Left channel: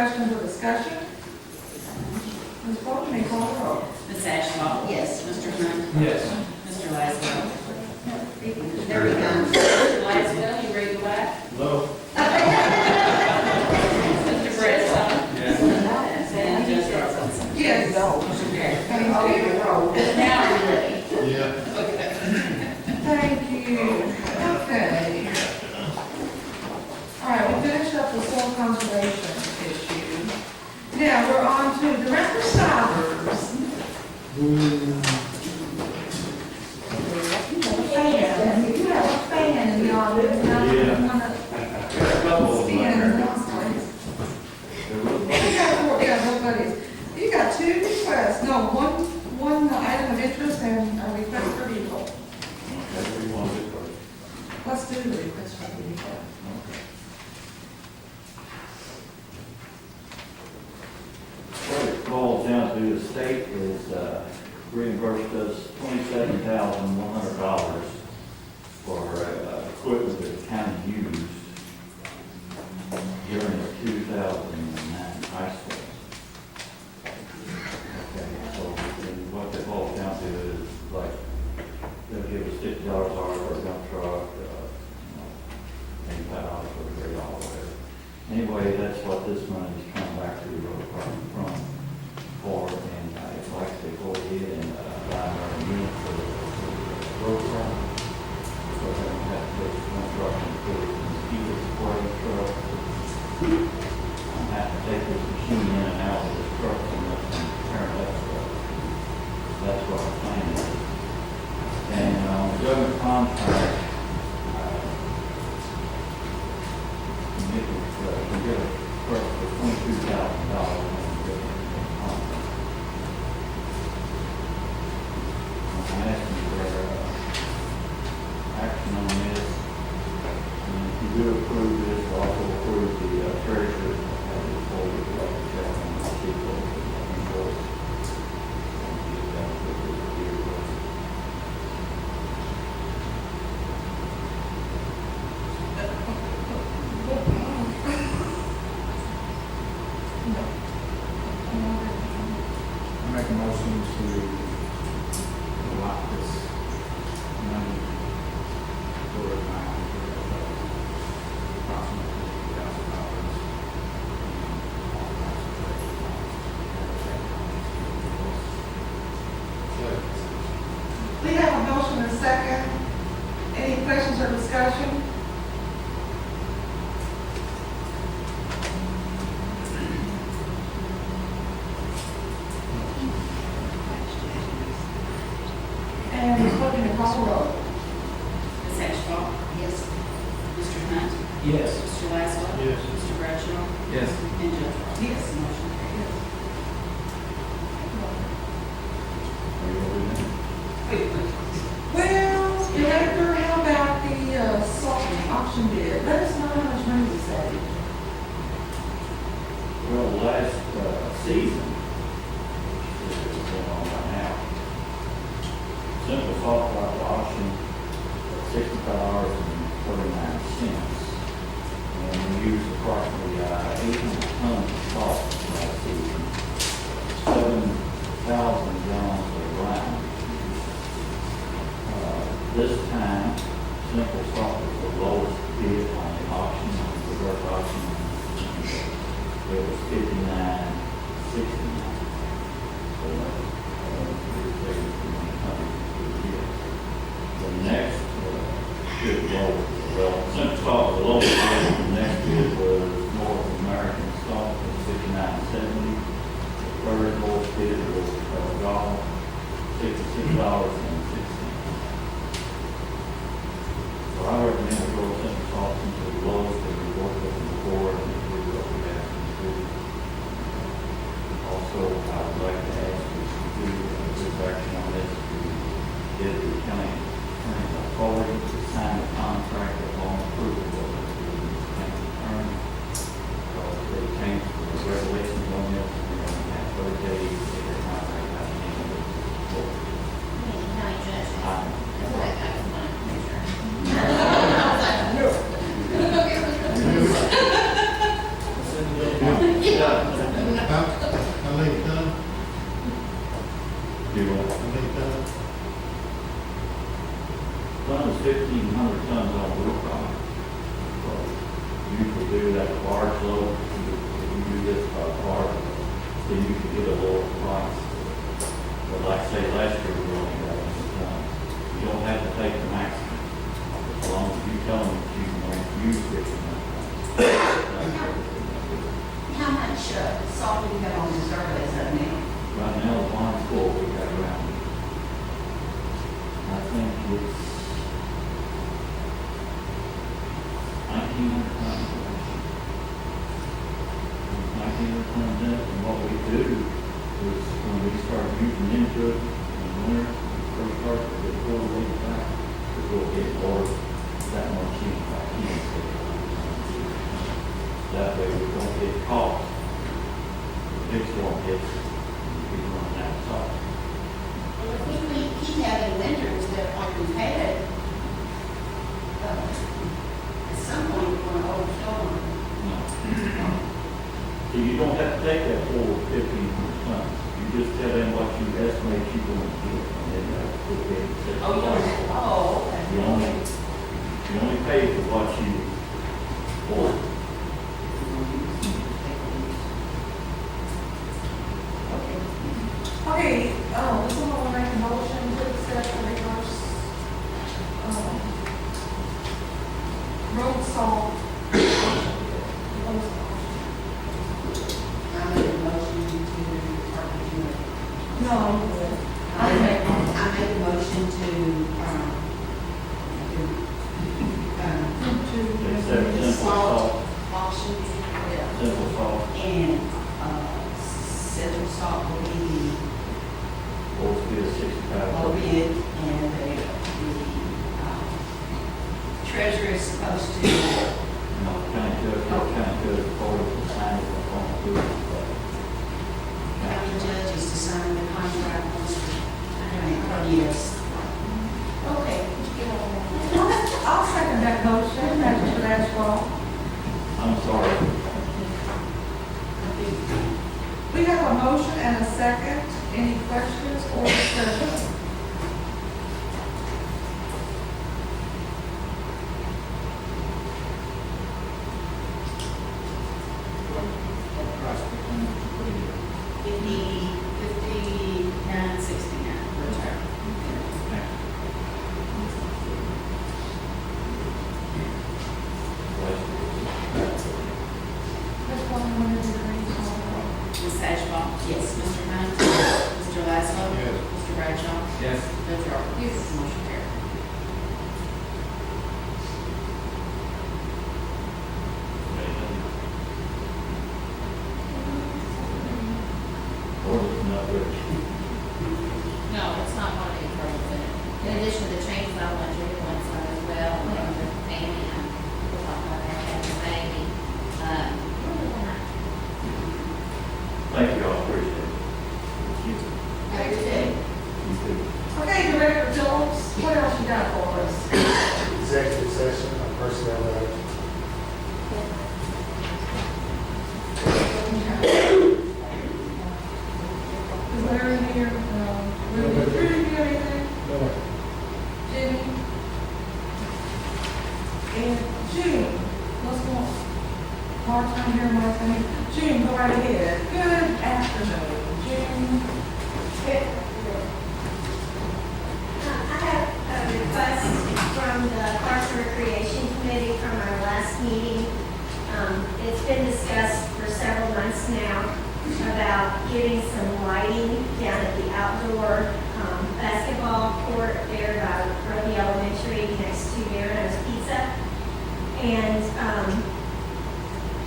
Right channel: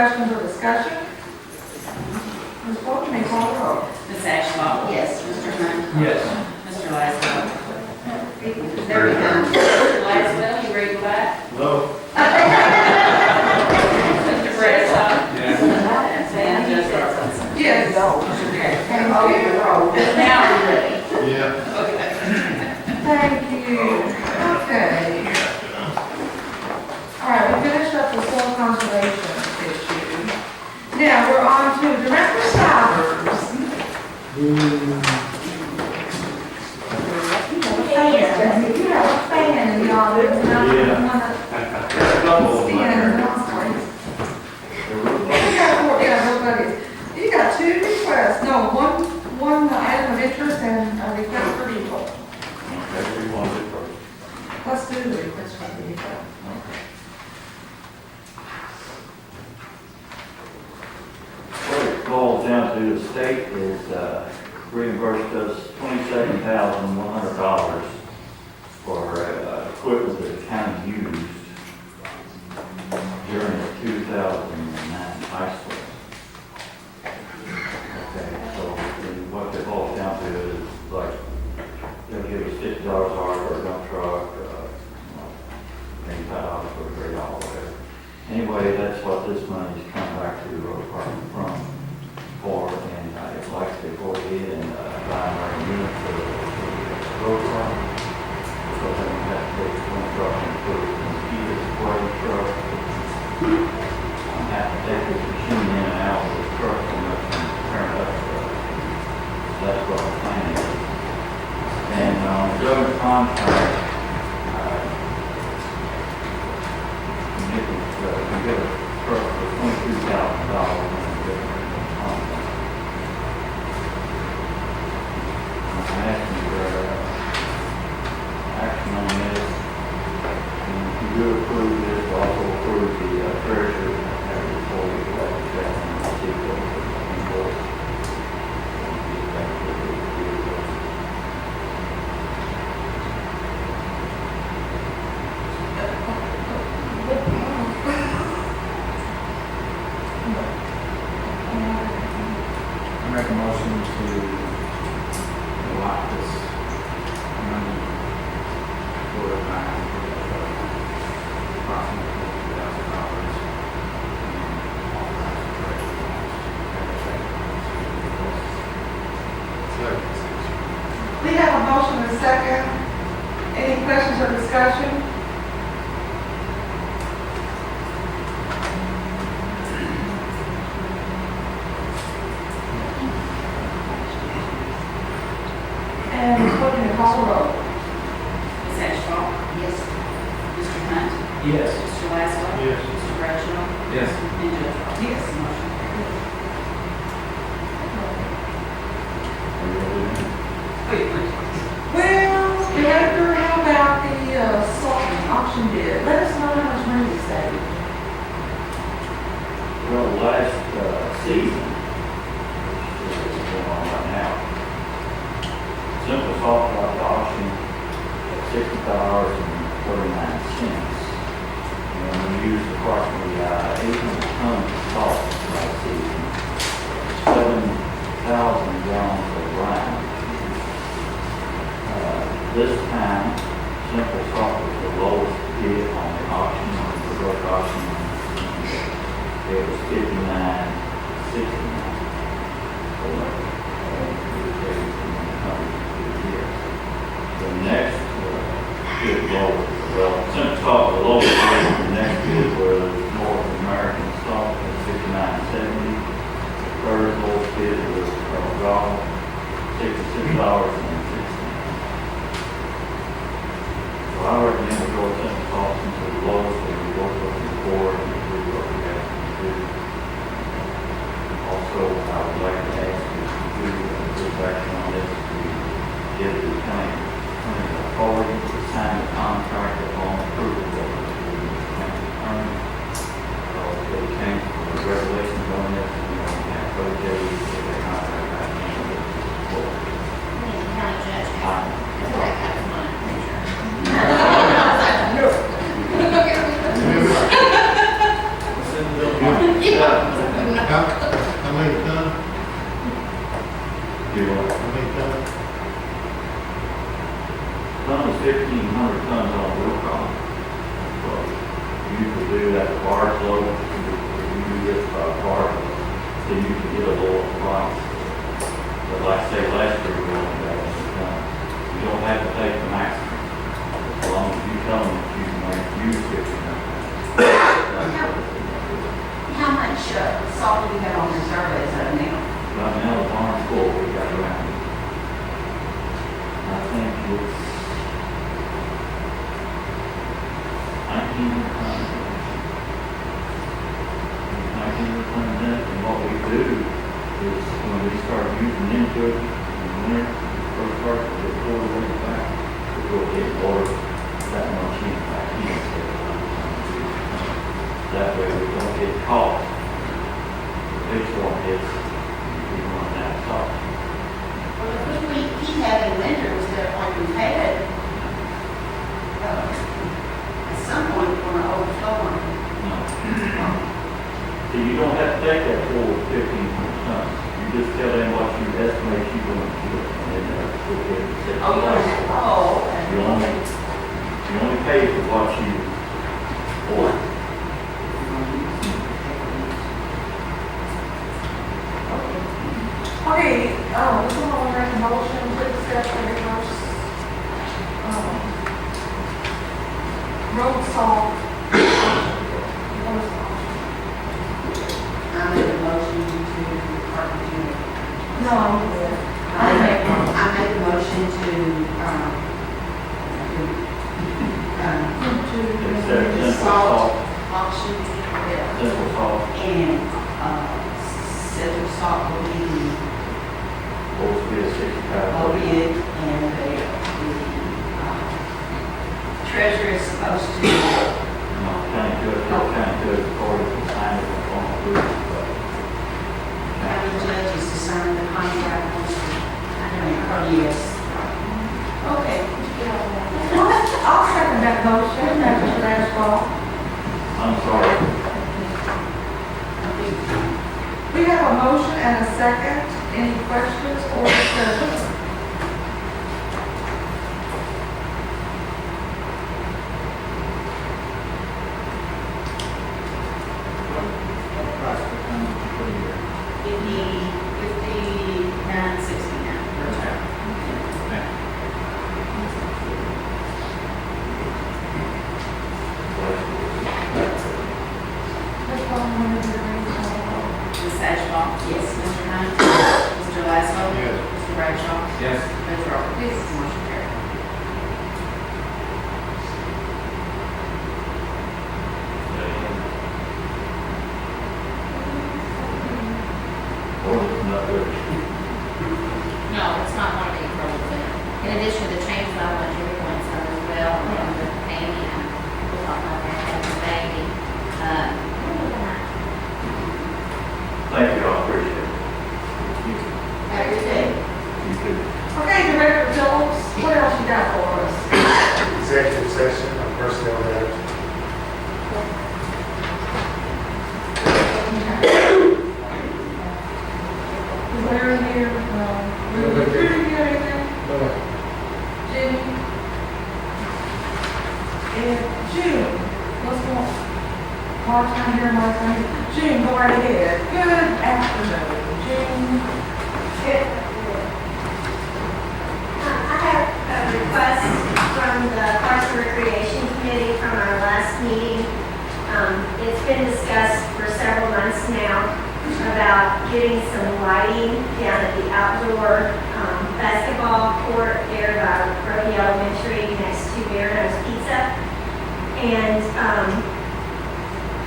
questions or discussion? Ms. Bolton, may call the roll. Ms. Ashball? Yes. Mr. Hunt? Yes. Mr. Laswell? There we go. Mr. Laswell, you ready to go back? Hello. Mr. Bredesen? Yes. And Judge Yes. Thank you. Now we're ready. Yeah. Okay. Thank you. Okay. All right, we finished up the soil conservation issue. Now, we're on to Director Stivers. You have a fan in the audience. Now, you want to stand and demonstrate. Yeah, nobody's. You got two requests, no, one item of interest and a request for vehicle. Let's do the request for vehicle. What it boils down to, the state is reimbursed us $27,100 for equipment that the county used during the 2009 high school. Okay, so what it boils down to is like, they'll give us $50 an hour for a dump truck, $85 for a grade all whatever. Anyway, that's what this money's coming back to the road department for, and I'd like to go ahead and buy our unit for the road department. Because I don't have to take one truck and put it in the mosquito spray truck. I'm having to take this machine in and out of this truck and turn it up. So that's what our plan is. And the government contract, can get a truck for $22,000. I'm asking for action on this. And if you do approve this, also approve the treasurer before we go back to check and see what we can do. I make a motion to allot this money for a time for approximately $50,000. We have a motion and a second. Any questions or discussion? And Ms. Bolton, may call the roll. Ms. Ashball? Yes. Mr. Hunt? Yes. Mr. Laswell? Yes. Mr. Bradshaw? Yes. And Judge Ross? Yes. Motion carries. Well, Director, how about the salt auction bid? Let us know how much money you saved. Well, last season, which is going on right now, Simple Salt got the auction at $60.49. And we used approximately 800 tons of salt last season, 7,000 gallons of brine. This time, Simple Salt was the lowest bid on the auction, on the direct auction. It was 59.69. So we were saving $200 a year. The next bid lower, well, Simple Salt was the lowest bid. The next bid was North American Salt at 59.70. The third lowest bid was Gall, $66.60. So I recommend we go with Simple Salt since it's the lowest, and we work with the board and do what we have to do. Also, I would like to ask you to do a good action on this to give the county authority to sign the contract upon approval of the county attorney. They changed the regulations on this, we have 30 days to get the contract out of the board. County judge. Um, That's what I got in mind. Yeah, low, if you do this by card, then you can get a lower price. But like say last year, we only got it done. You don't have to take the maximum, as long as you tell them that you can use it. How much salt do we have on reserve as of now? Right now, the barn's full, we got around. I think it's 1,900 tons. 1,900 tons, and what we do is when we start using into it in the winter, first part of the quarter way back, we will get water that much in back in. That way we don't get caught. The big storm hits, we run out of salt. Well, if we keep having winters that like we've had, at some point we're going to overflow. No. So you don't have to take that full 1,500 tons. You just tell them what you estimate you're going to do, and then that's what they're saying. Oh, you don't have, oh, okay. You only pay for what you order. Okay, this one will make a motion to accept the reverse, road salt. I made a motion to carpenter. No, I'm good. I made a motion to, Except simple salt, auction, simple salt, and, Central Salt will be supposed to be a the 65. low bid, and the treasurer is supposed to, No, county judge, according to the sign of the form of proof, but. county judge is to sign the contract. Yes. Okay. I'll second that motion, that's for that fault. I'm sorry. We have a motion and a second. Any questions or discussion? What price per ton did you put in here? 59.69 per ton. This one, when is it ready? Ms. Ashball? Yes. Mr. Hunt? Mr. Laszlo? Yes. Mr. Bradshaw? Yes. Ms. Roberts? Yes. Motion carried. Or it's not good. No, it's not one of these roads in it. In addition to the changes, I want you to point some as well, and the Amy, and we'll talk about that, and the baby. Thank you, I appreciate it. Have a good day. You too. Okay, Director Jones, what else you got for us? Executive session on personnel matters. Is there in here, Ruby, Ruby, anything? Jimmy? And June, let's go. Part-time here, part-time. June, go right ahead. Good afternoon, June. I have a request from the Parks and Recreation Committee from our last meeting. It's been discussed for several months now about getting some lighting down at the outdoor basketball court there by Roby Elementary next to Marino's Pizza. And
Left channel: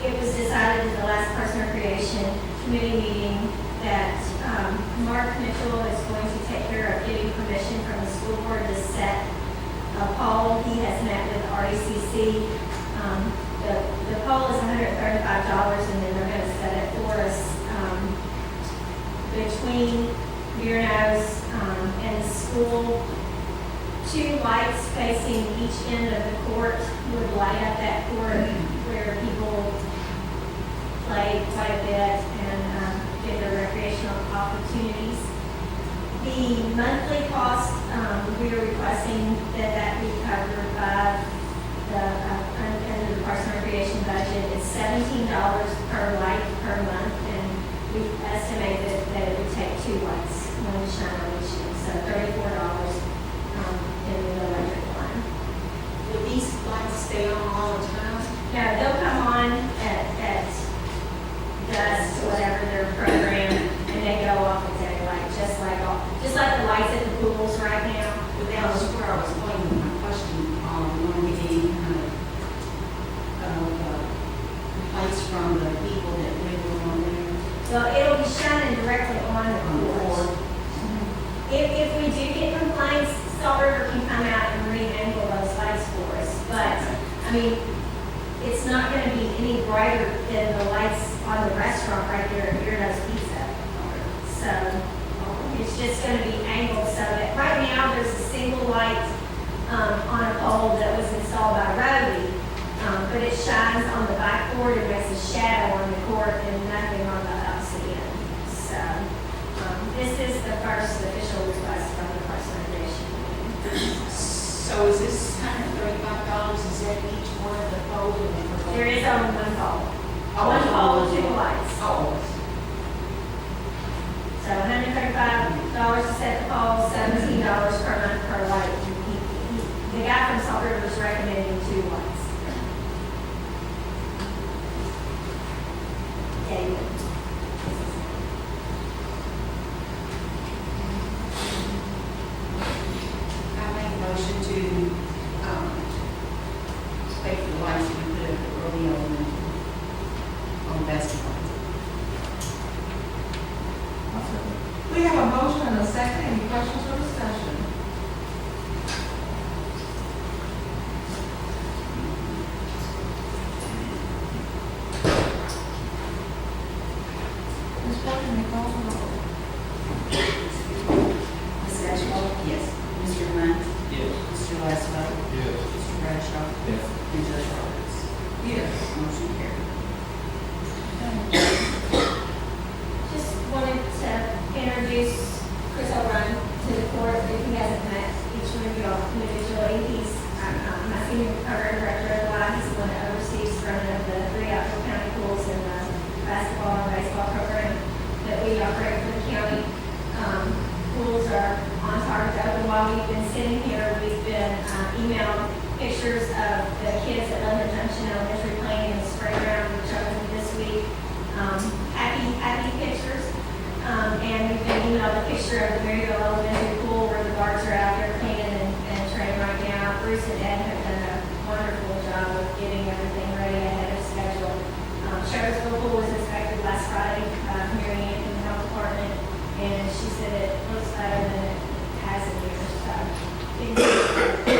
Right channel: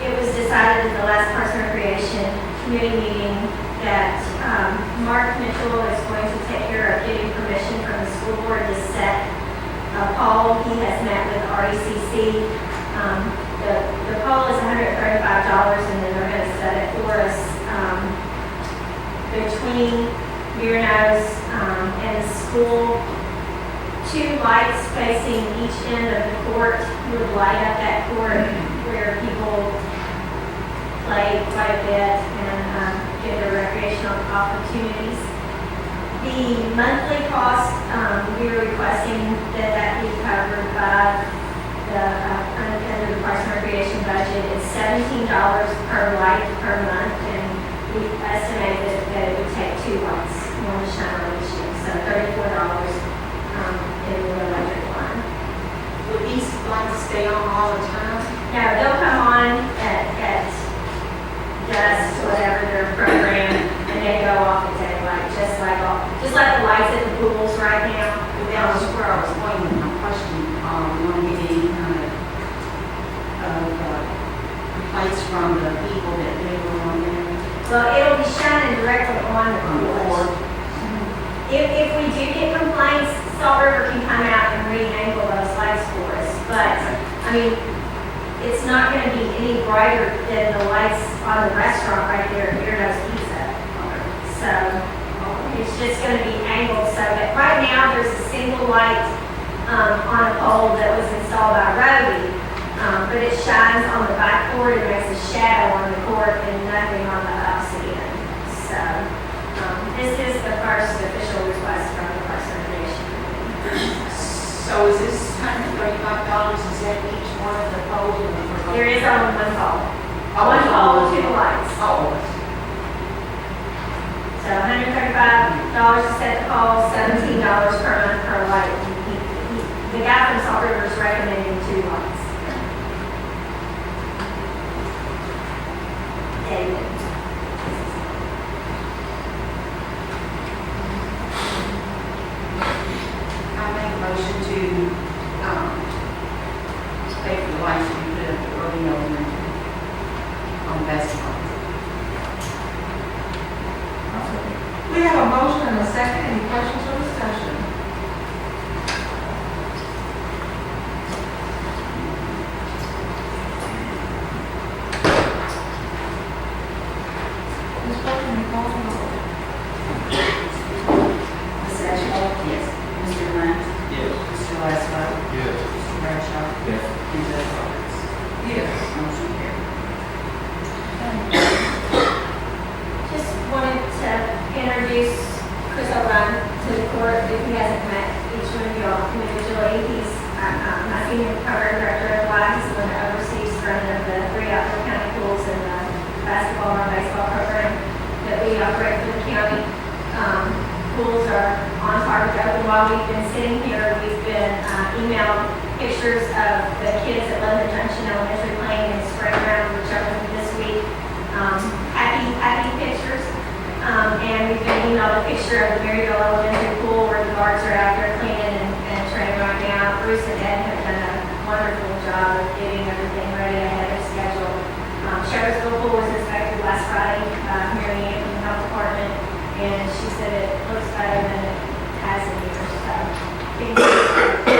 it was decided at the last Parks and Recreation Committee meeting that Mark Mitchell is going to take care of getting permission from the school board to set a pole. He has met with RECC. The pole is $135, and then they're going to set it for us between Mirano's and the school. 2 lights facing each end of the court would light up that court where people play quite a bit and get their recreational opportunities. The monthly cost, we're requesting that be covered by the, under the Parks and Recreation budget. budget is $17 per light per month, and we estimated that it would take 2 lights, one to shine on each end, so $34 in the electric line. Will these lights stay on all the time? Now, they'll come on at dusk, whatever their program, and they go off at daylight, just like the lights at the pools right now. But that was where I was going with my question, when we get any kind of, complaints from the people that live on there. Well, it'll be shining directly on the On the pools. board. If we do get complaints, Salt River can come out and re-angle those lights for us. But, I mean, it's not gonna be any brighter than the lights on the restaurant right there at Beardo's Pizza. So, it's just gonna be angled so that, right now, there's a single light, on a pole that was installed by Roby. But it shines on the backboard and makes a shadow on the court and nothing on the ups end. So, this is the first official request from the Parks and Recreation Committee. So is this $135, is that each one of the poles in the? There is only one pole. Oh, One pole, oh, 2 lights. Oh, So $135 to set the pole, $17 per month per light. The guy from Salt River is recommending 2 lights. David. I make a motion to, pay for the lights we put up at Rodeo on basketball. I'll second. We have a motion and a second. Any questions or discussion? Ms. Parker, may you call for the roll? Ms. Ashbrook? Yes. Mr. Hunt? Yes. Mr. Laszlo? Yes. Mr. Bradshaw? Yes. And Judge Roberts? Yes. Motion carried. Just wanted to introduce Chris O'Brien to the court if he hasn't met each one of y'all individually. He's my senior program director of Y. He's the one that oversees running of the 3 outdoor county pools and the basketball and baseball program that we operate for the county. Pools are on target to open. While we've been sitting here, we've been emailed pictures of the kids at Lebanon Junction Elementary playing in the spring ground, which opened this week. Happy pictures. And we've been emailed a picture of the Maryville Elementary pool where the guards are out there cleaning and training right now. Bruce and Ed have done a wonderful job of getting everything ready ahead of schedule. Sheriffsville pool was inspected last Friday by Mary Ann from the health department, and she said it looks better than it has in years. So, things are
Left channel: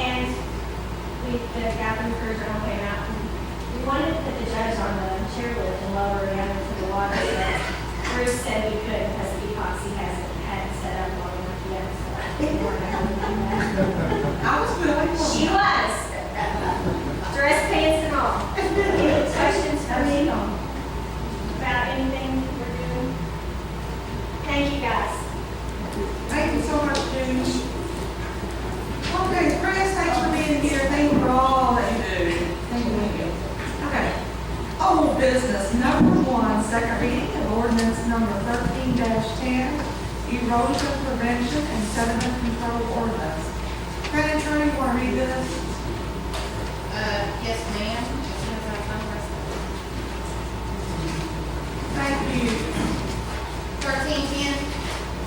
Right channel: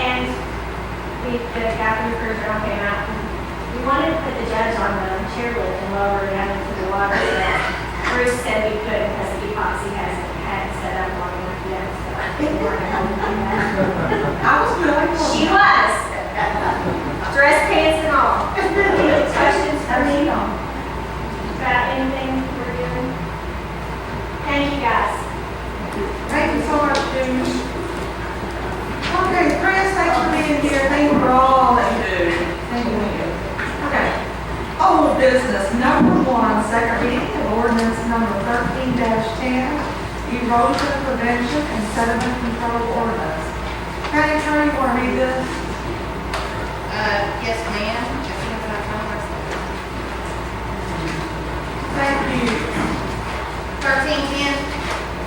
and the guy from the cruise journal came out. We wanted to put the judge on the chairlift and lower it down into the water, but Bruce said we couldn't because the epoxy hadn't set up long enough yet. So we weren't able to do that. I was good. She was. Dress pants and all. Any questions for me about anything we're doing? Thank you, guys. Thank you so much, June. Okay, Chris, thanks for being here. Thank you for all that you do. Thank you. Okay. Old business, number 1, second reading of ordinance number 13-10, erosion prevention and sediment control ordinance. County Attorney, want to read this? Yes, ma'am. Thank you. 1310,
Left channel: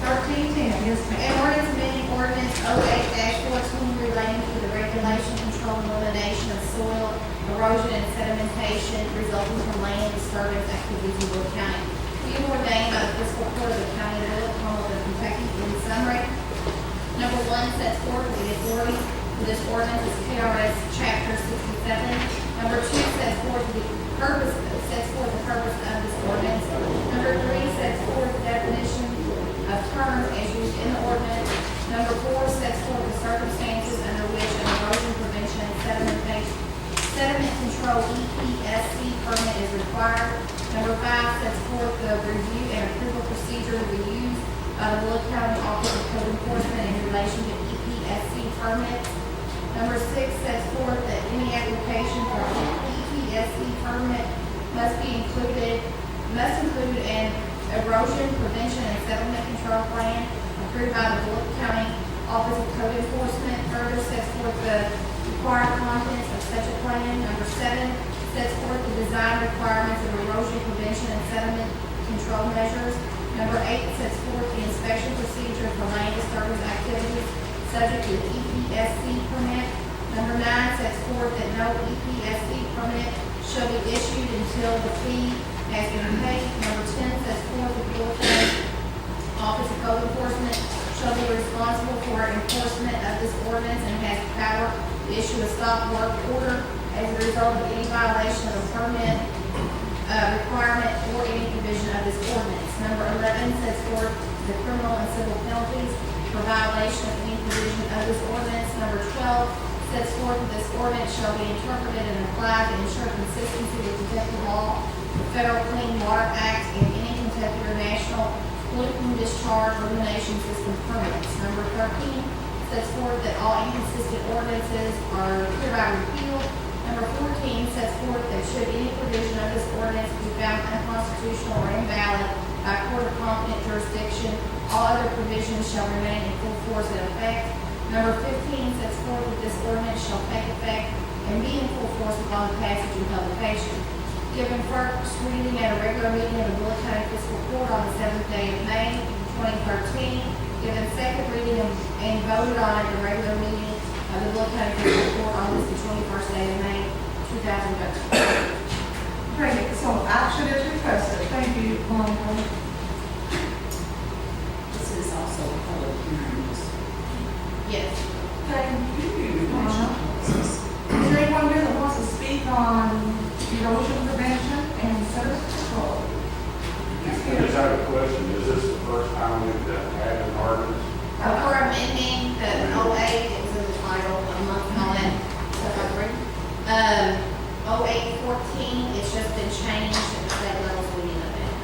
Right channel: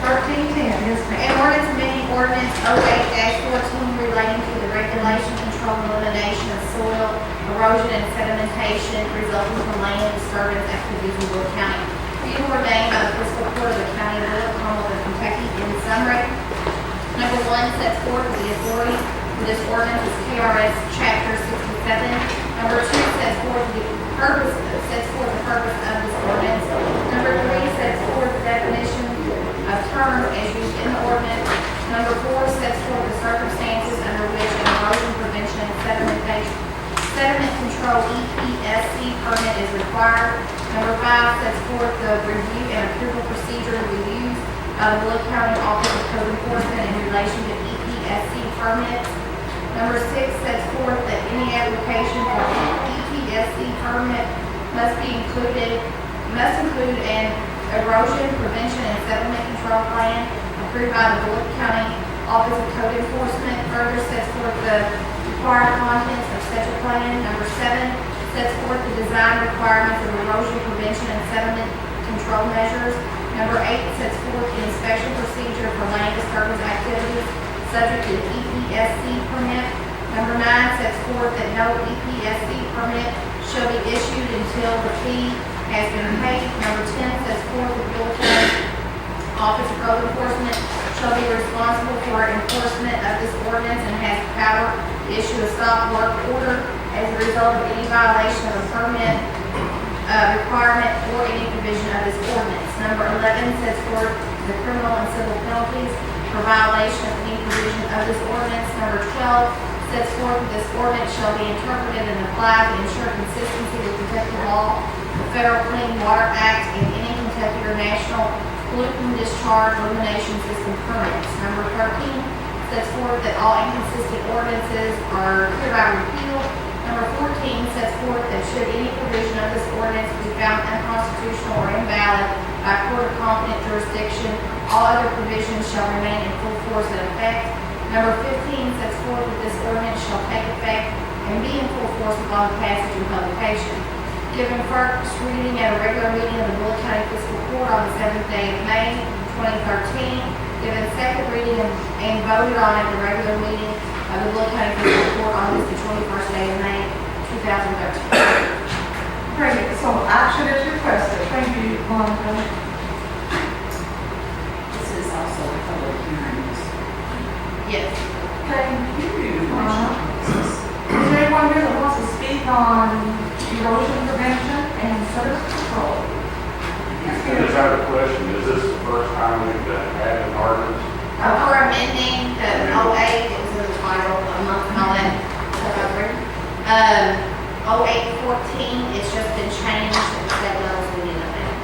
13-10, yes, an ma'am. ordinance amending ordinance 08-14 relating to the regulation, control, and elimination of soil erosion and sedimentation resulting from land disturbance activities in Bullitt County. Being ordained by the Fiscal Court of the County of Bullitt, Commonwealth of Kentucky, in summary. Number 1 sets forth the authority for this ordinance is KRS Chapter 67. Number 2 sets forth the purpose of this ordinance. Number 3 sets forth the definition of terms as used in the ordinance. Number 4 sets forth the circumstances under which an erosion prevention and sediment control EPSC permit is required. Number 5 sets forth the review and approval procedure to be used by the Bullitt County Office of Code Enforcement in relation to EPSC permits. Number 6 sets forth that any application for an EPSC permit must include an erosion prevention and settlement control plan approved by the Bullitt County Office of Code Enforcement. Further sets forth the required contents of such a plan. Number 7 sets forth the design requirements of erosion prevention and settlement control measures. Number 8 sets forth the inspection procedure for land disturbance activities subject to the EPSC permit. Number 9 sets forth that no EPSC permit shall be issued until the fee has been paid. Number 10 sets forth the Bullitt County Office of Code Enforcement shall be responsible for enforcement of this ordinance and has power to issue a stop work order as a result of any violation of a permit requirement or any provision of this ordinance. Number 11 sets forth the criminal and civil penalties for violation of any provision of this ordinance. Number 12 sets forth that this ordinance shall be interpreted and applied to ensure consistency with Kentucky law, the Federal Clean Water Act, and any Kentucky or national pollutant discharge elimination system permits. Number 13 sets forth that all inconsistent ordinances are hereby repealed. Number 14 sets forth that should any provision of this ordinance be found unconstitutional or invalid by a court of competent jurisdiction, all other provisions shall remain in full force and effect. Number 15 sets forth that this ordinance shall take effect and be in full force upon passage and publication. Given first reading at a regular meeting of the Bullitt County Fiscal Court on the 7th day of May, 2013. Given second reading and voted on at the regular meeting of the Bullitt County Fiscal Court on the 21st day of May, 2013. Okay, so action is requested. Thank you, Monica. This is also a public hearing. Yes. Thank you, Monica. Is there anyone here that wants to speak on erosion prevention and sediment control? I just have a question. Is this the first time we've had an ordinance? For amending the 08, it was in the title, a month and all that. 0814, it's just been changed and state levels we need to amend.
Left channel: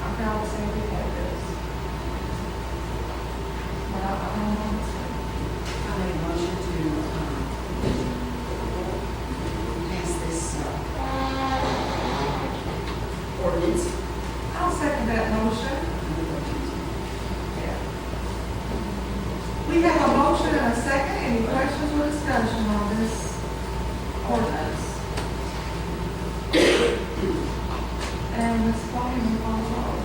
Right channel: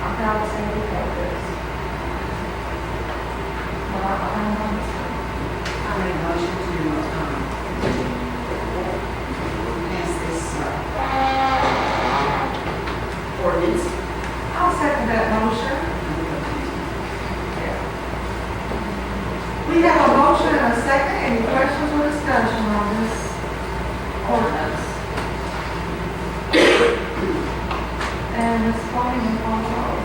I'm proud to say we have this. Well, I'm on this one. I make a motion to, pass this, ordinance. I'll second that motion. We have a motion and a second. Any questions or discussion on this ordinance? And Ms. Bonnie, you call the roll.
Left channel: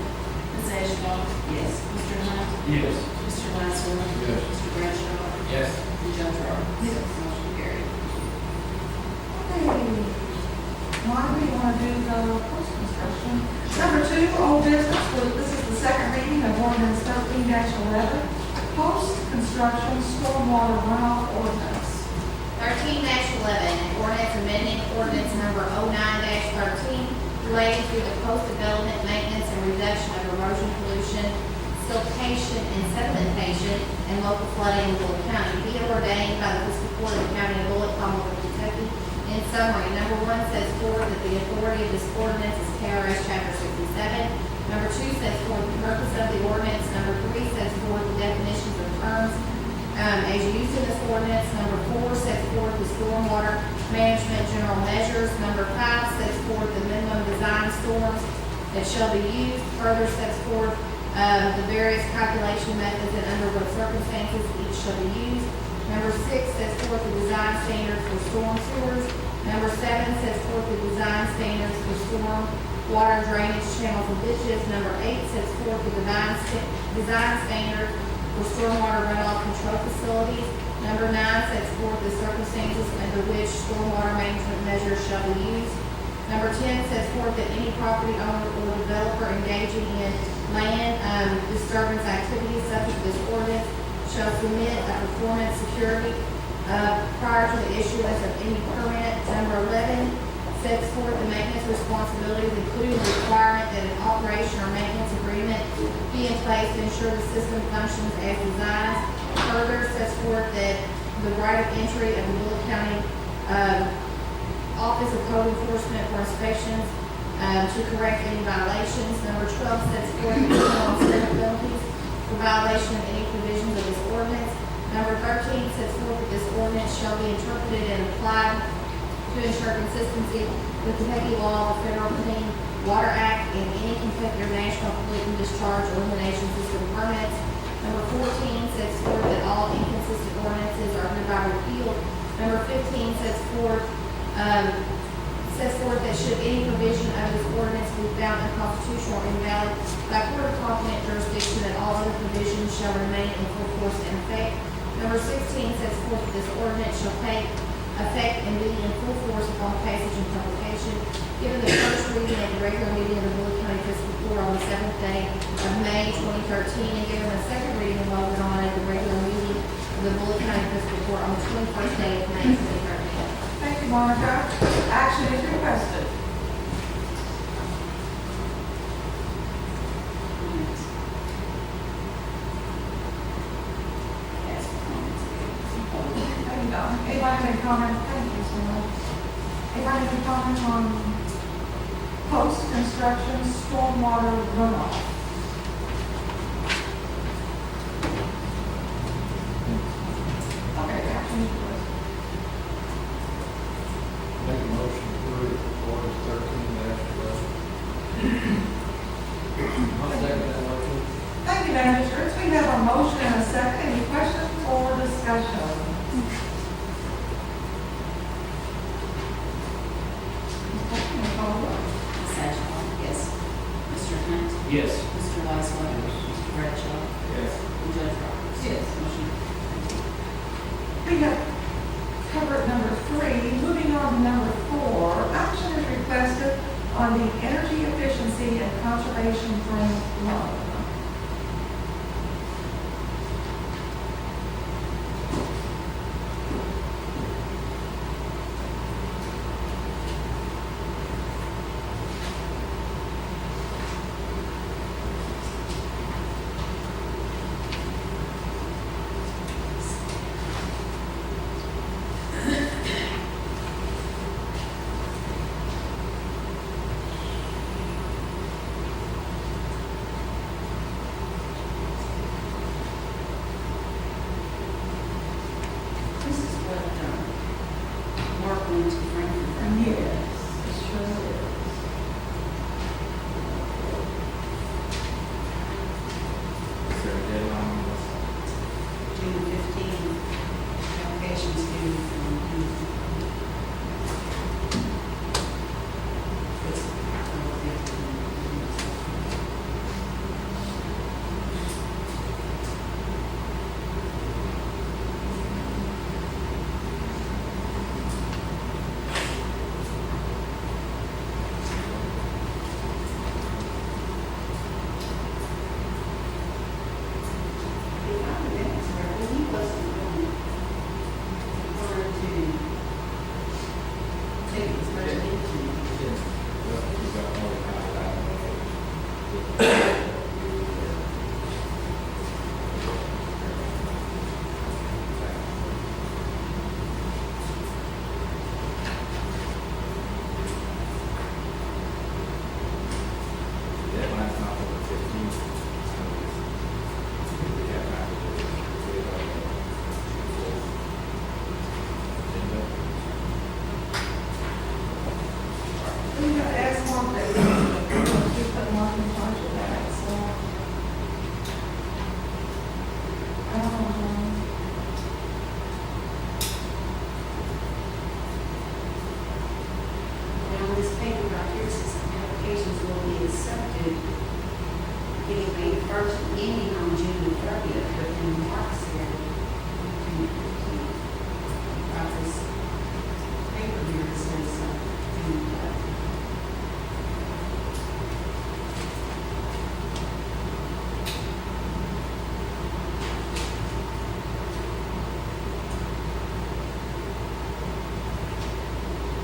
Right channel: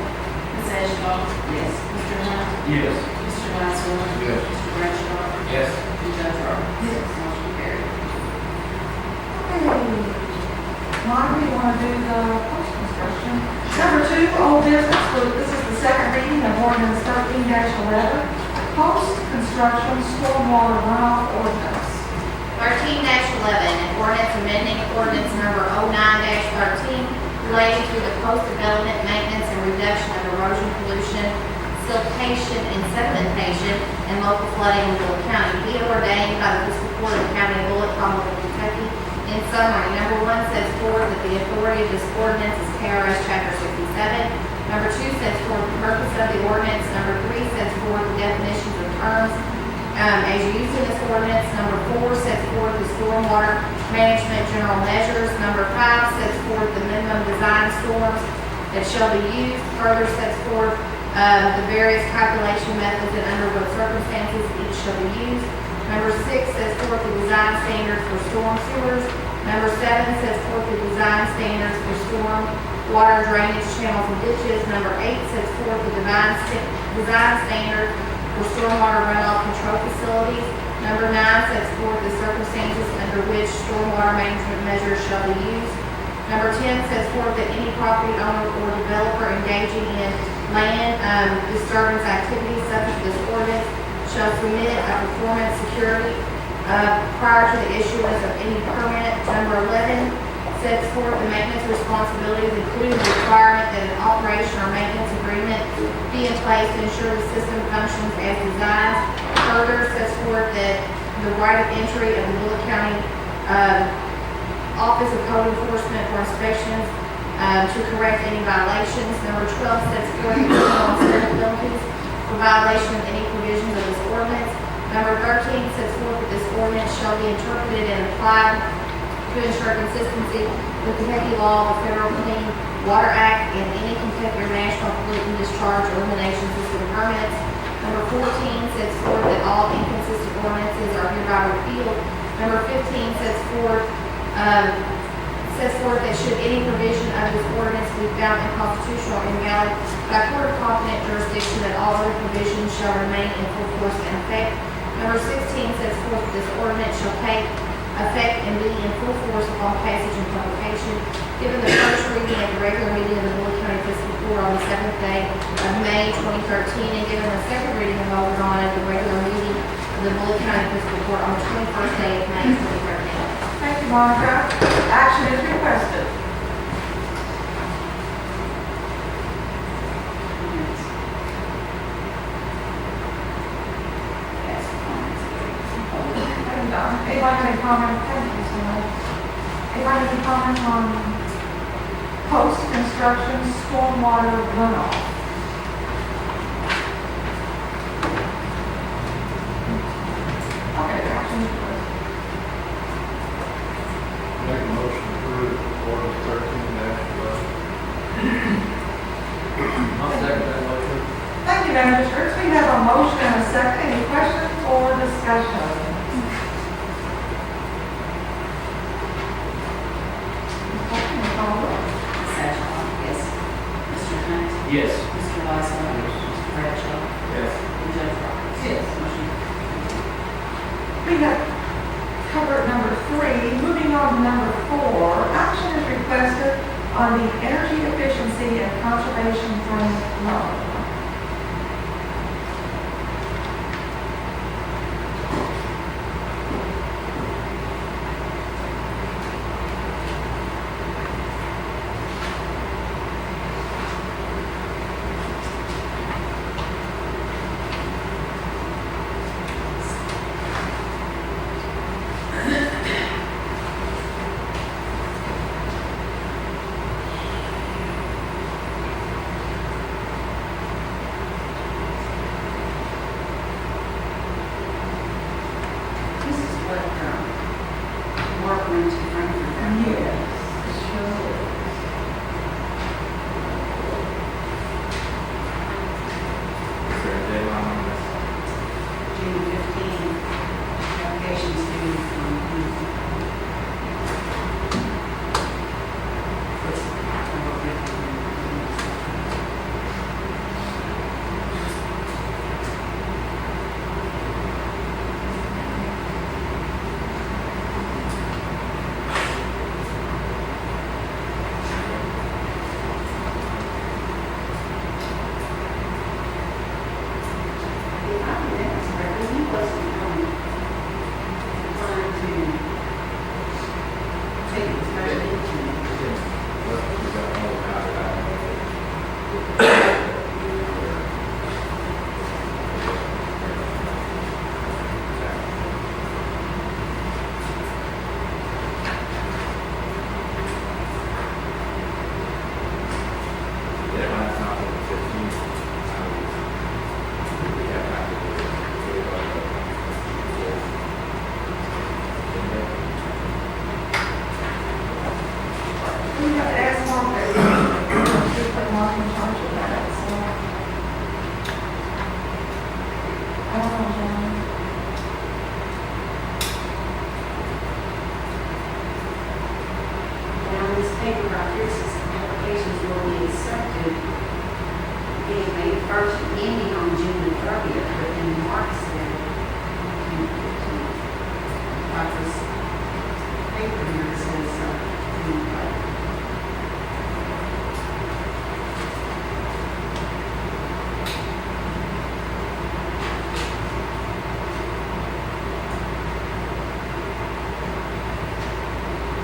Ms. Ashbrook? Yes. Mr. Hunt? Yes. Mr. Laszlo? Yes. Mr. Bradshaw? Yes. And Judge Roberts? Yes. Motion carried. Okay. Why do you want to do the post-construction? Number 2, old business. This is the second reading of ordinance 13-11. Post-construction stormwater runoff ordinance. 13-11, an ordinance amending ordinance number 09-13 relating to the post-development maintenance and reduction of erosion pollution, siltation and sedimentation, and local flooding in Bullitt County. Be it ordained by the Fiscal Court of the County of Bullitt, Commonwealth of Kentucky. In summary, number 1 says forth that the authority of this ordinance is KRS Chapter 67. Number 2 says forth the purpose of the ordinance. Number 3 says forth the definitions of terms as used in this ordinance. Number 4 sets forth the stormwater management general measures. Number 5 sets forth the minimum design storms that shall be used. Further sets forth the various calculation methods and under what circumstances each shall be used. Number 6 sets forth the design standards for storm sewers. Number 7 sets forth the design standards for storm water drainage channels and ditches. Number 8 sets forth the design standard for stormwater runoff control facilities. Number 9 sets forth the circumstances under which stormwater management measures shall be used. Number 10 sets forth that any property owner or developer engaging in land disturbance activities subject to this ordinance shall submit a performance security prior to the issuance of any permit. Number 11 sets forth the maintenance responsibilities, including the requirement that an operation or maintenance agreement be in place to ensure the system functions as designed. Further sets forth that the right of entry of the Bullitt County Office of Code Enforcement for inspections to correct any violations. Number 12 sets forth the criminal and civil penalties for violation of any provisions of this ordinance. Number 13 sets forth that this ordinance shall be interpreted and applied to ensure consistency with Kentucky law, the Federal Clean Water Act, and any Kentucky or national pollutant discharge elimination system permits. Number 14 sets forth that all inconsistent ordinances are hereby repealed. Number 15 sets forth that should any provision of this ordinance be found unconstitutional or invalid by court of competent jurisdiction, that all other provisions shall remain in full force and effect. Number 16 sets forth that this ordinance shall take effect and be in full force upon passage and publication, given the first reading at the regular meeting of the Bullitt County Fiscal Court on the 7th day of May 2013, and given the second reading and voted on at the regular meeting of the Bullitt County Fiscal Court on the 21st day of May 2013. Thank you, Monica. Action is requested. Ask for comments. Thank you, Don. Anybody have any comments? Thank you so much. Anybody have any comments on post-construction stormwater runoff? Okay, action is requested. Make a motion to approve ordinance 13-12. I'll second that motion. Thank you, Magistrates. We have a motion and a second. Any questions or discussion? Okay, call the roll. Ms. Ashbrook? Yes. Mr. Hunt? Yes. Mr. Laszlo? Mr. Bradshaw? Yes. And Judge Roberts? Yes. Motion We have covered number 3. Moving on to number 4, action is requested on the energy efficiency and conservation grant loan. This is what, Mark went to Frankfurt. Yes, sure is. Is there a deadline on this? June 15, applications due from Deadline's not on the 15th. We have to do it by the 4th. We have to ask Mark that we put Mark in charge of that, so. I don't know, John. Now, this paper right here says applications will be accepted being May 1st, ending on June the 30th, but then Mark said June 15th. Got this paper here that says June 30th.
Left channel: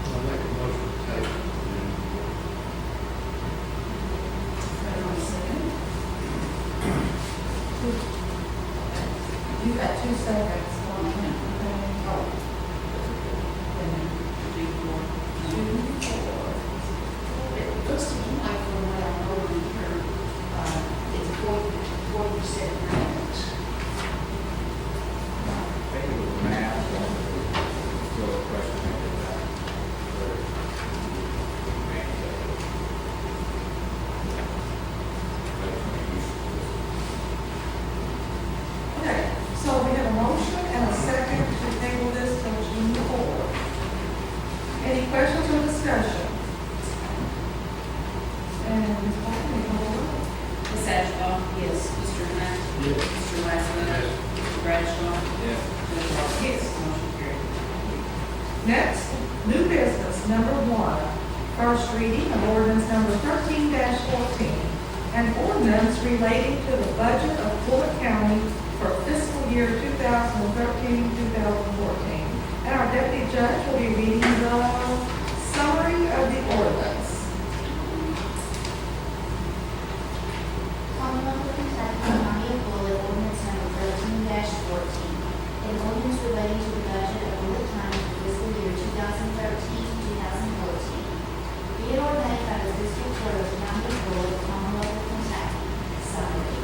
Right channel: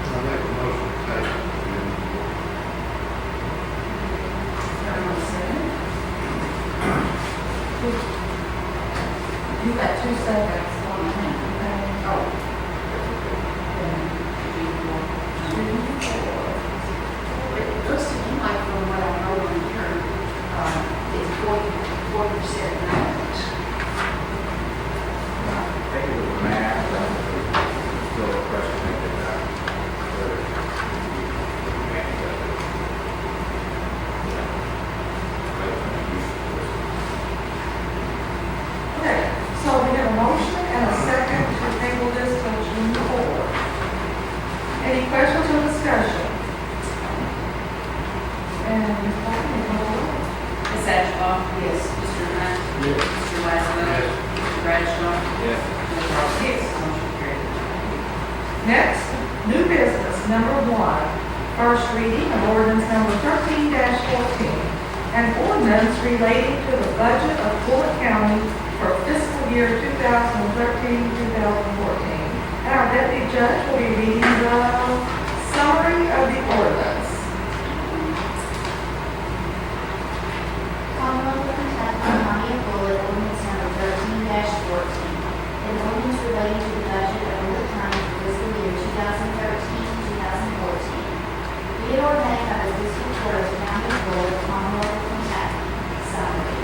I make a motion to take it. Next, new business, number 1, first reading of ordinance number 13-14, an ordinance relating to the budget of Bullitt County for fiscal year 2013-2014. And our deputy judge will be reading the summary of the ordinance. Commonwealth of Kentucky, County of Bullitt, ordinance number 13-14. An ordinance relating to the budget of Bullitt County for fiscal year 2013-2014. Be it ordained by the fiscal court of the County of Bullitt, Commonwealth of Kentucky. Summary.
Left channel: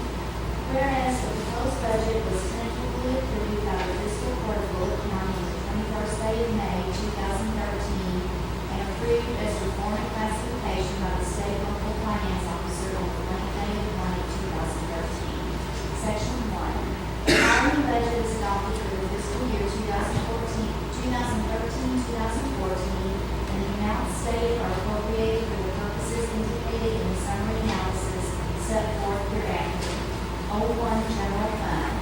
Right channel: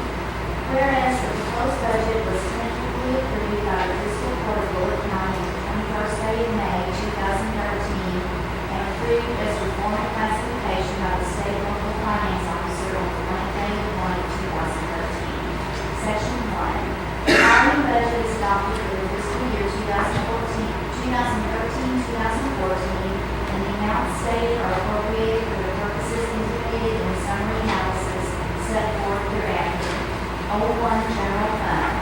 Whereas the proposed budget was tentatively approved by the fiscal court of Bullitt County on the 21st day of May 2013 and approved as a form of classification by the state and local finance officer on the 20th day of May 2013. Section 1. The following budget is adopted for the fiscal year 2013-2014, and the amounts stated are appropriated for the purposes indicated in the summary analysis set forth hereafter. 01 General Fund.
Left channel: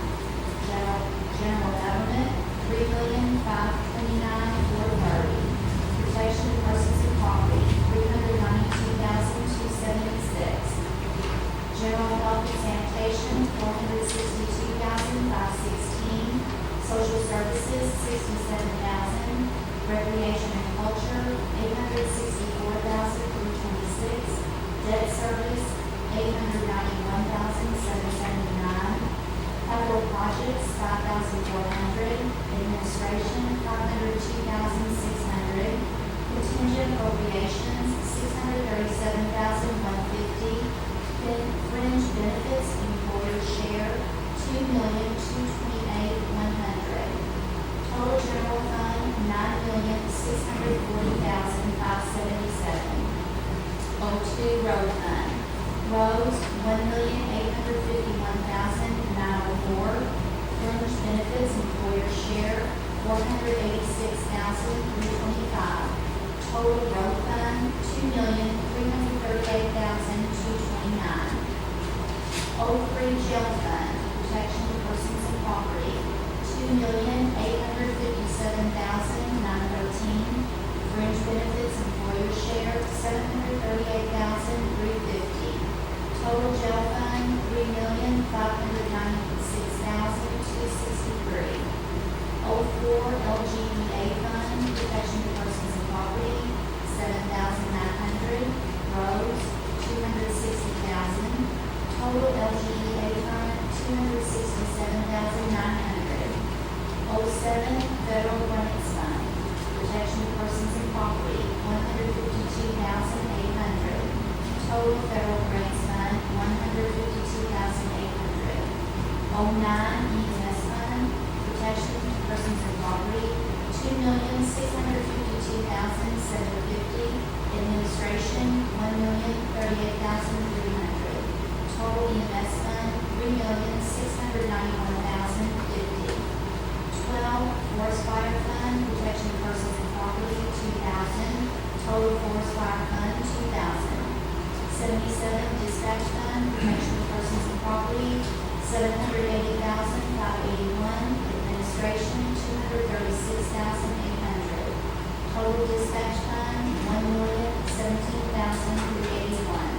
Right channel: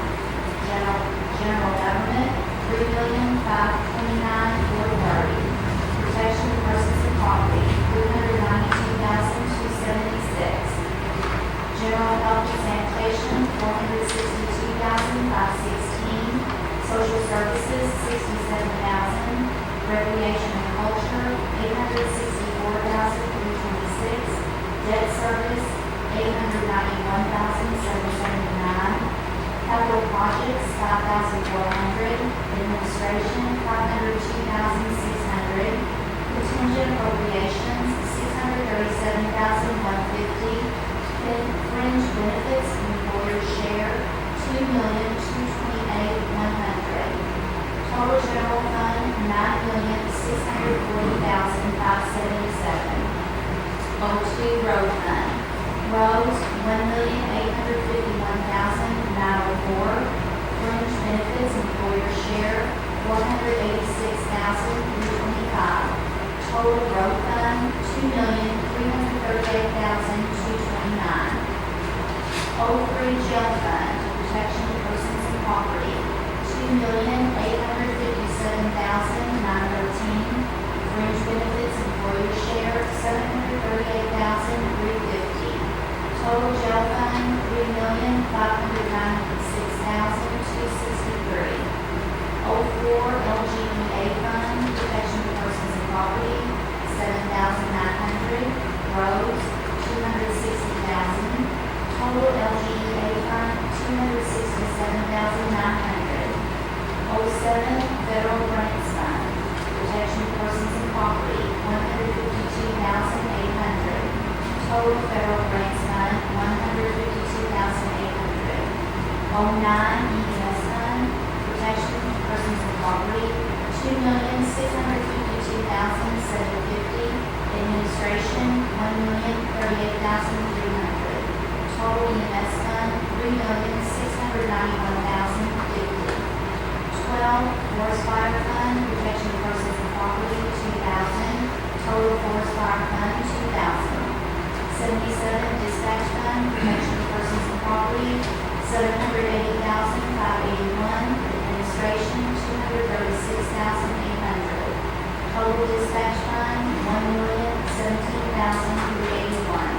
General Government, $3,529,430. Protection of persons and property, $392,276. General Health and Sanitation, $462,516. Social Services, $67,000. Recreation and Culture, $864,326. Debt Service, $891,779. Capital Projects, $5,400. Administration, $502,600. Contingent Appropriations, $637,150. Fringe Benefits, Employer Share, $2,228,100. Total General Fund, $9,640,577. 02 Road Fund. Roads, $1,851,904. Fringe Benefits, Employer Share, $486,325. Total Road Fund, $2,338,229. 03 Jail Fund, Protection of Persons and Property, $2,857,913. Fringe Benefits, Employer Share, $738,350. Total Jail Fund, $3,596,263. 04 LGEA Fund, Protection of Persons and Property, $7,900. Roads, $260,000. Total LGEA Fund, $267,900. 07 Federal Grants Fund, Protection of Persons and Property, $152,800. Total Federal Grants Fund, $152,800. 09 EMS Fund, Protection of Persons and Property, $2,652,750. Administration, $1,038,300. Total EMS Fund, $3,691,050. 12 Forest Fire Fund, Protection of Persons and Property, $2,000. Total Forest Fire Fund, $2,000. 77 Dispatch Fund, Protection of Persons and Property, $780,581. Administration, $236,800. Total Dispatch Fund, $1,017,381.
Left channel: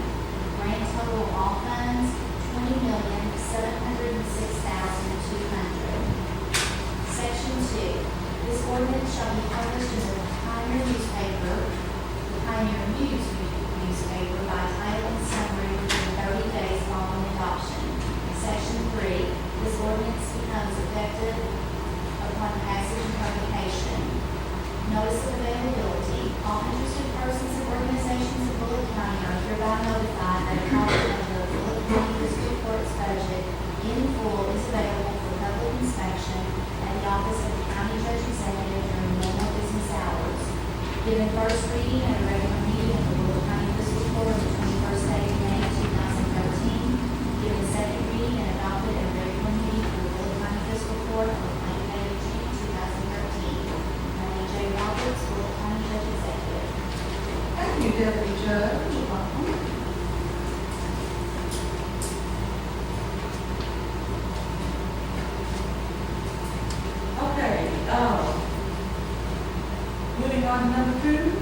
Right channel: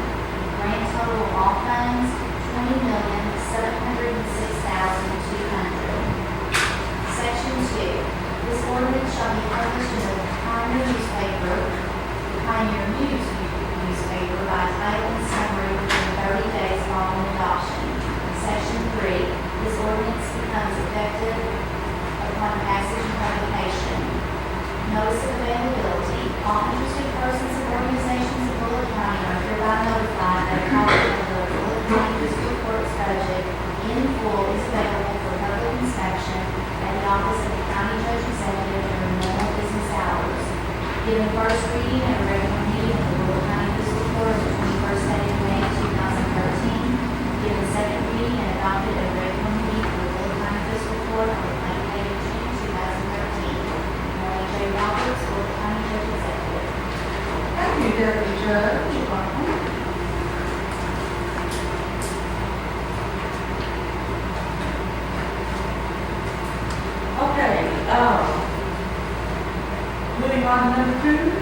Grand total of all funds, $20,706,200. Section 2. This ordinance shall be published in the Pioneer newspaper, the Pioneer News newspaper by title and summary within 30 days following adoption. Section 3. This ordinance becomes effective upon passage and publication. Notice of availability. All interested persons and organizations of Bullitt County are hereby notified that a copy of the Bullitt County Fiscal Court's budget in full is available for public inspection at the office of the County Judge Executive during normal business hours. Given first reading at a regular meeting of the Bullitt County Fiscal Court on the 21st day of May 2013. Given second reading and adopted at a regular meeting of the Bullitt County Fiscal Court on the 20th day of June 2013. Mary J. Roberts, Bullitt County Judge Executive. Thank you, Deputy Judge. You're welcome. Okay, Moving on to number 2.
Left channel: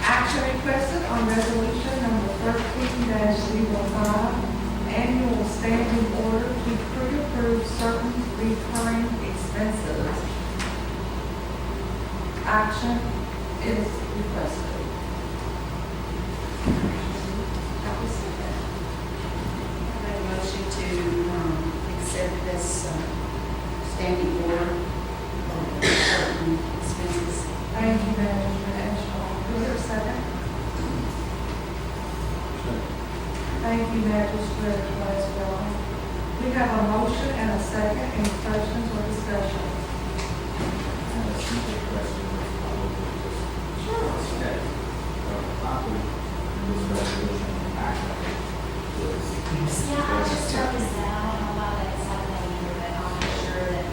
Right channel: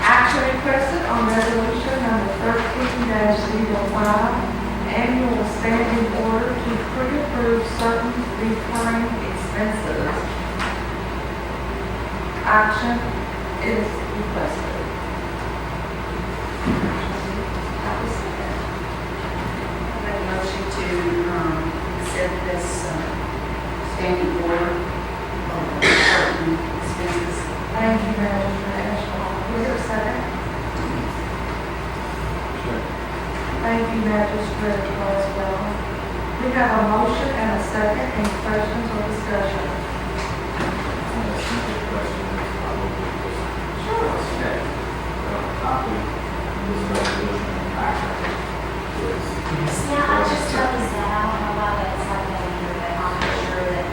Action requested on resolution number 13-05, annual standing order to pre-approve certain recurring expenses. Action is requested. That was it. Make a motion to, accept this, standing order of certain expenses. Thank you, Manager Ashbrook. Is there a second? Thank you, Magistrate Westbrook. We have a motion and a second. Any questions or discussion? A simple question, probably just. Sure. Okay. Copy this resolution actually is. Yeah, I just noticed that, I don't know why that's like that either, but I'm sure that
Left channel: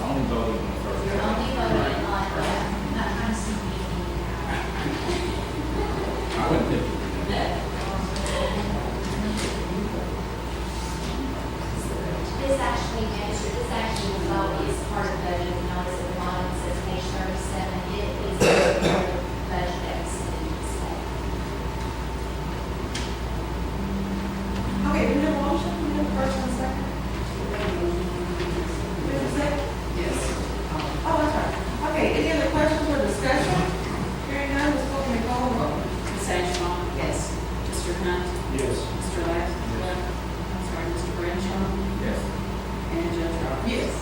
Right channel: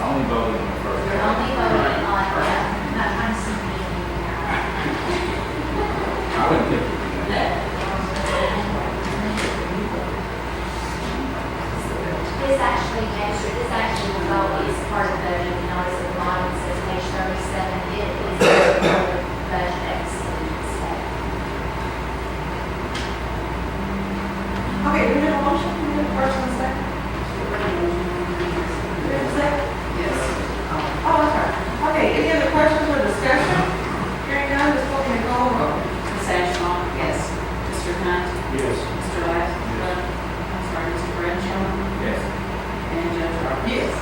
Only voting on the first. you're only voting on, not trying to see me. I wouldn't think you do that. This actually, this actually will go, is part of the budget, you notice at the bottom, it says page 37, it is budget exceedance. Okay, we have a motion. We have a first and a second. We have a second? Yes. Oh, that's right. Okay, any other questions or discussion? Hearing none, Ms. Bolton, may call the roll. Ms. Ashbrook? Yes. Mr. Hunt? Yes. Mr. Laswell? I'm sorry, Mr. Bradshaw? Yes. And Judge Roberts? Yes.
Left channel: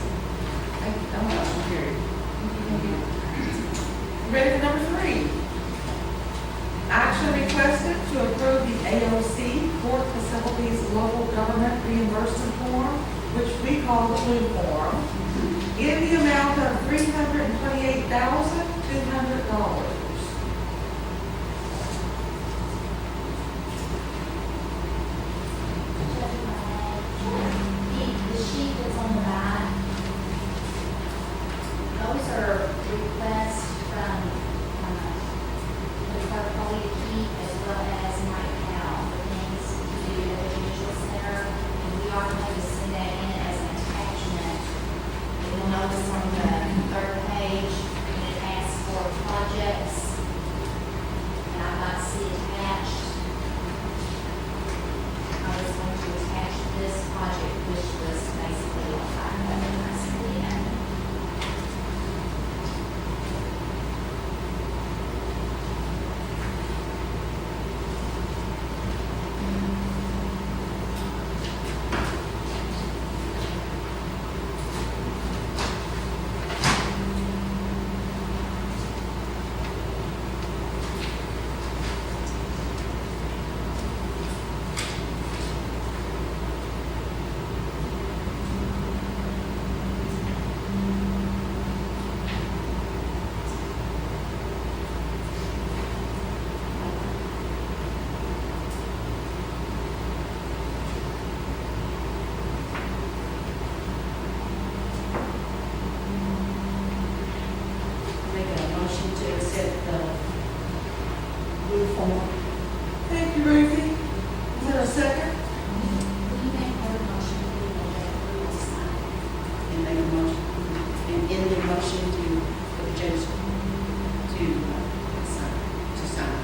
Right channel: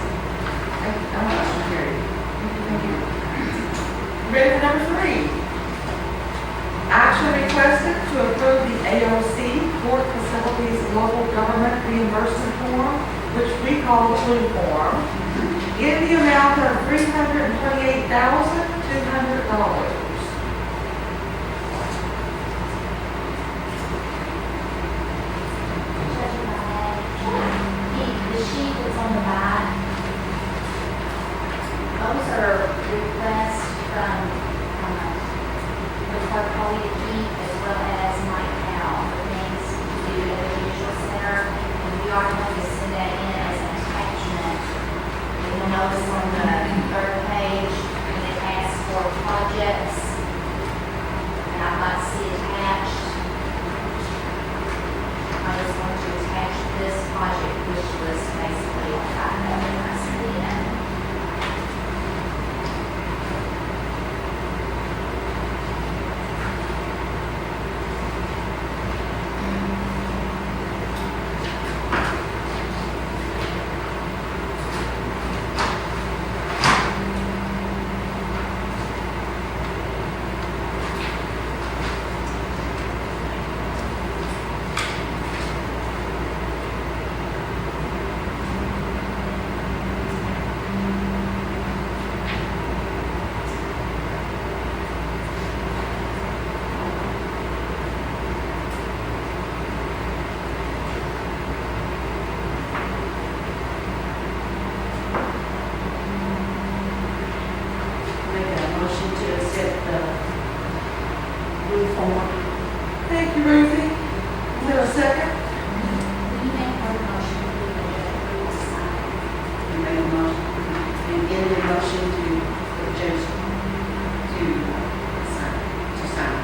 Thank you. Motion carried. Thank you. Ready for number 3? Action requested to approve the AOC Court Facilities Local Government Reimbursement Form, which we call the Blue Form, in the amount of $328,200. The sheet that's on the back, those are requests from, the clerk Holly to keep, as well as Mike Powell, for things to do at the judicial center, and we are going to send that in as an attachment. And you'll notice on the 3rd page, when it asks for projects, and I'd like to see attached, I just want to attach this project wish list basically on top of it, and I send it in. Make a motion to accept the blue form. Thank you, Ruthie. Is there a second? Will you make a motion to do that, we will sign it? And make a motion, and in the motion to, for the judge to sign.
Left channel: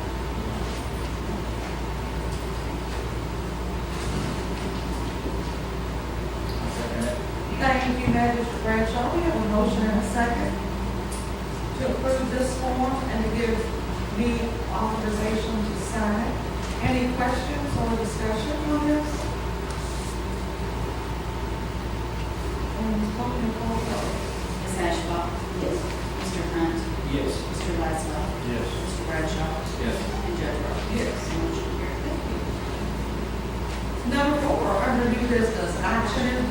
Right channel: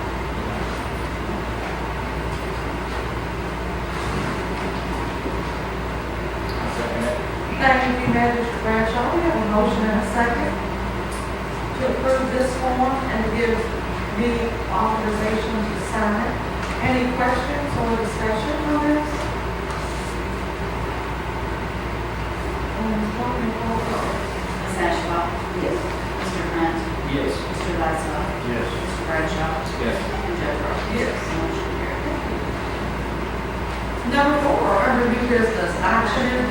I second it. Thank you, Magistrate Bradshaw. We have a motion and a second to approve this form and to give me authorization to sign it. Any questions or discussion on this? Ms. Bolton, may call the roll. Ms. Ashbrook? Yes. Mr. Hunt? Yes. Mr. Laswell? Yes. Mr. Bradshaw? Yes. And Judge Roberts? Yes. Motion carried. Number 4, under new business, action,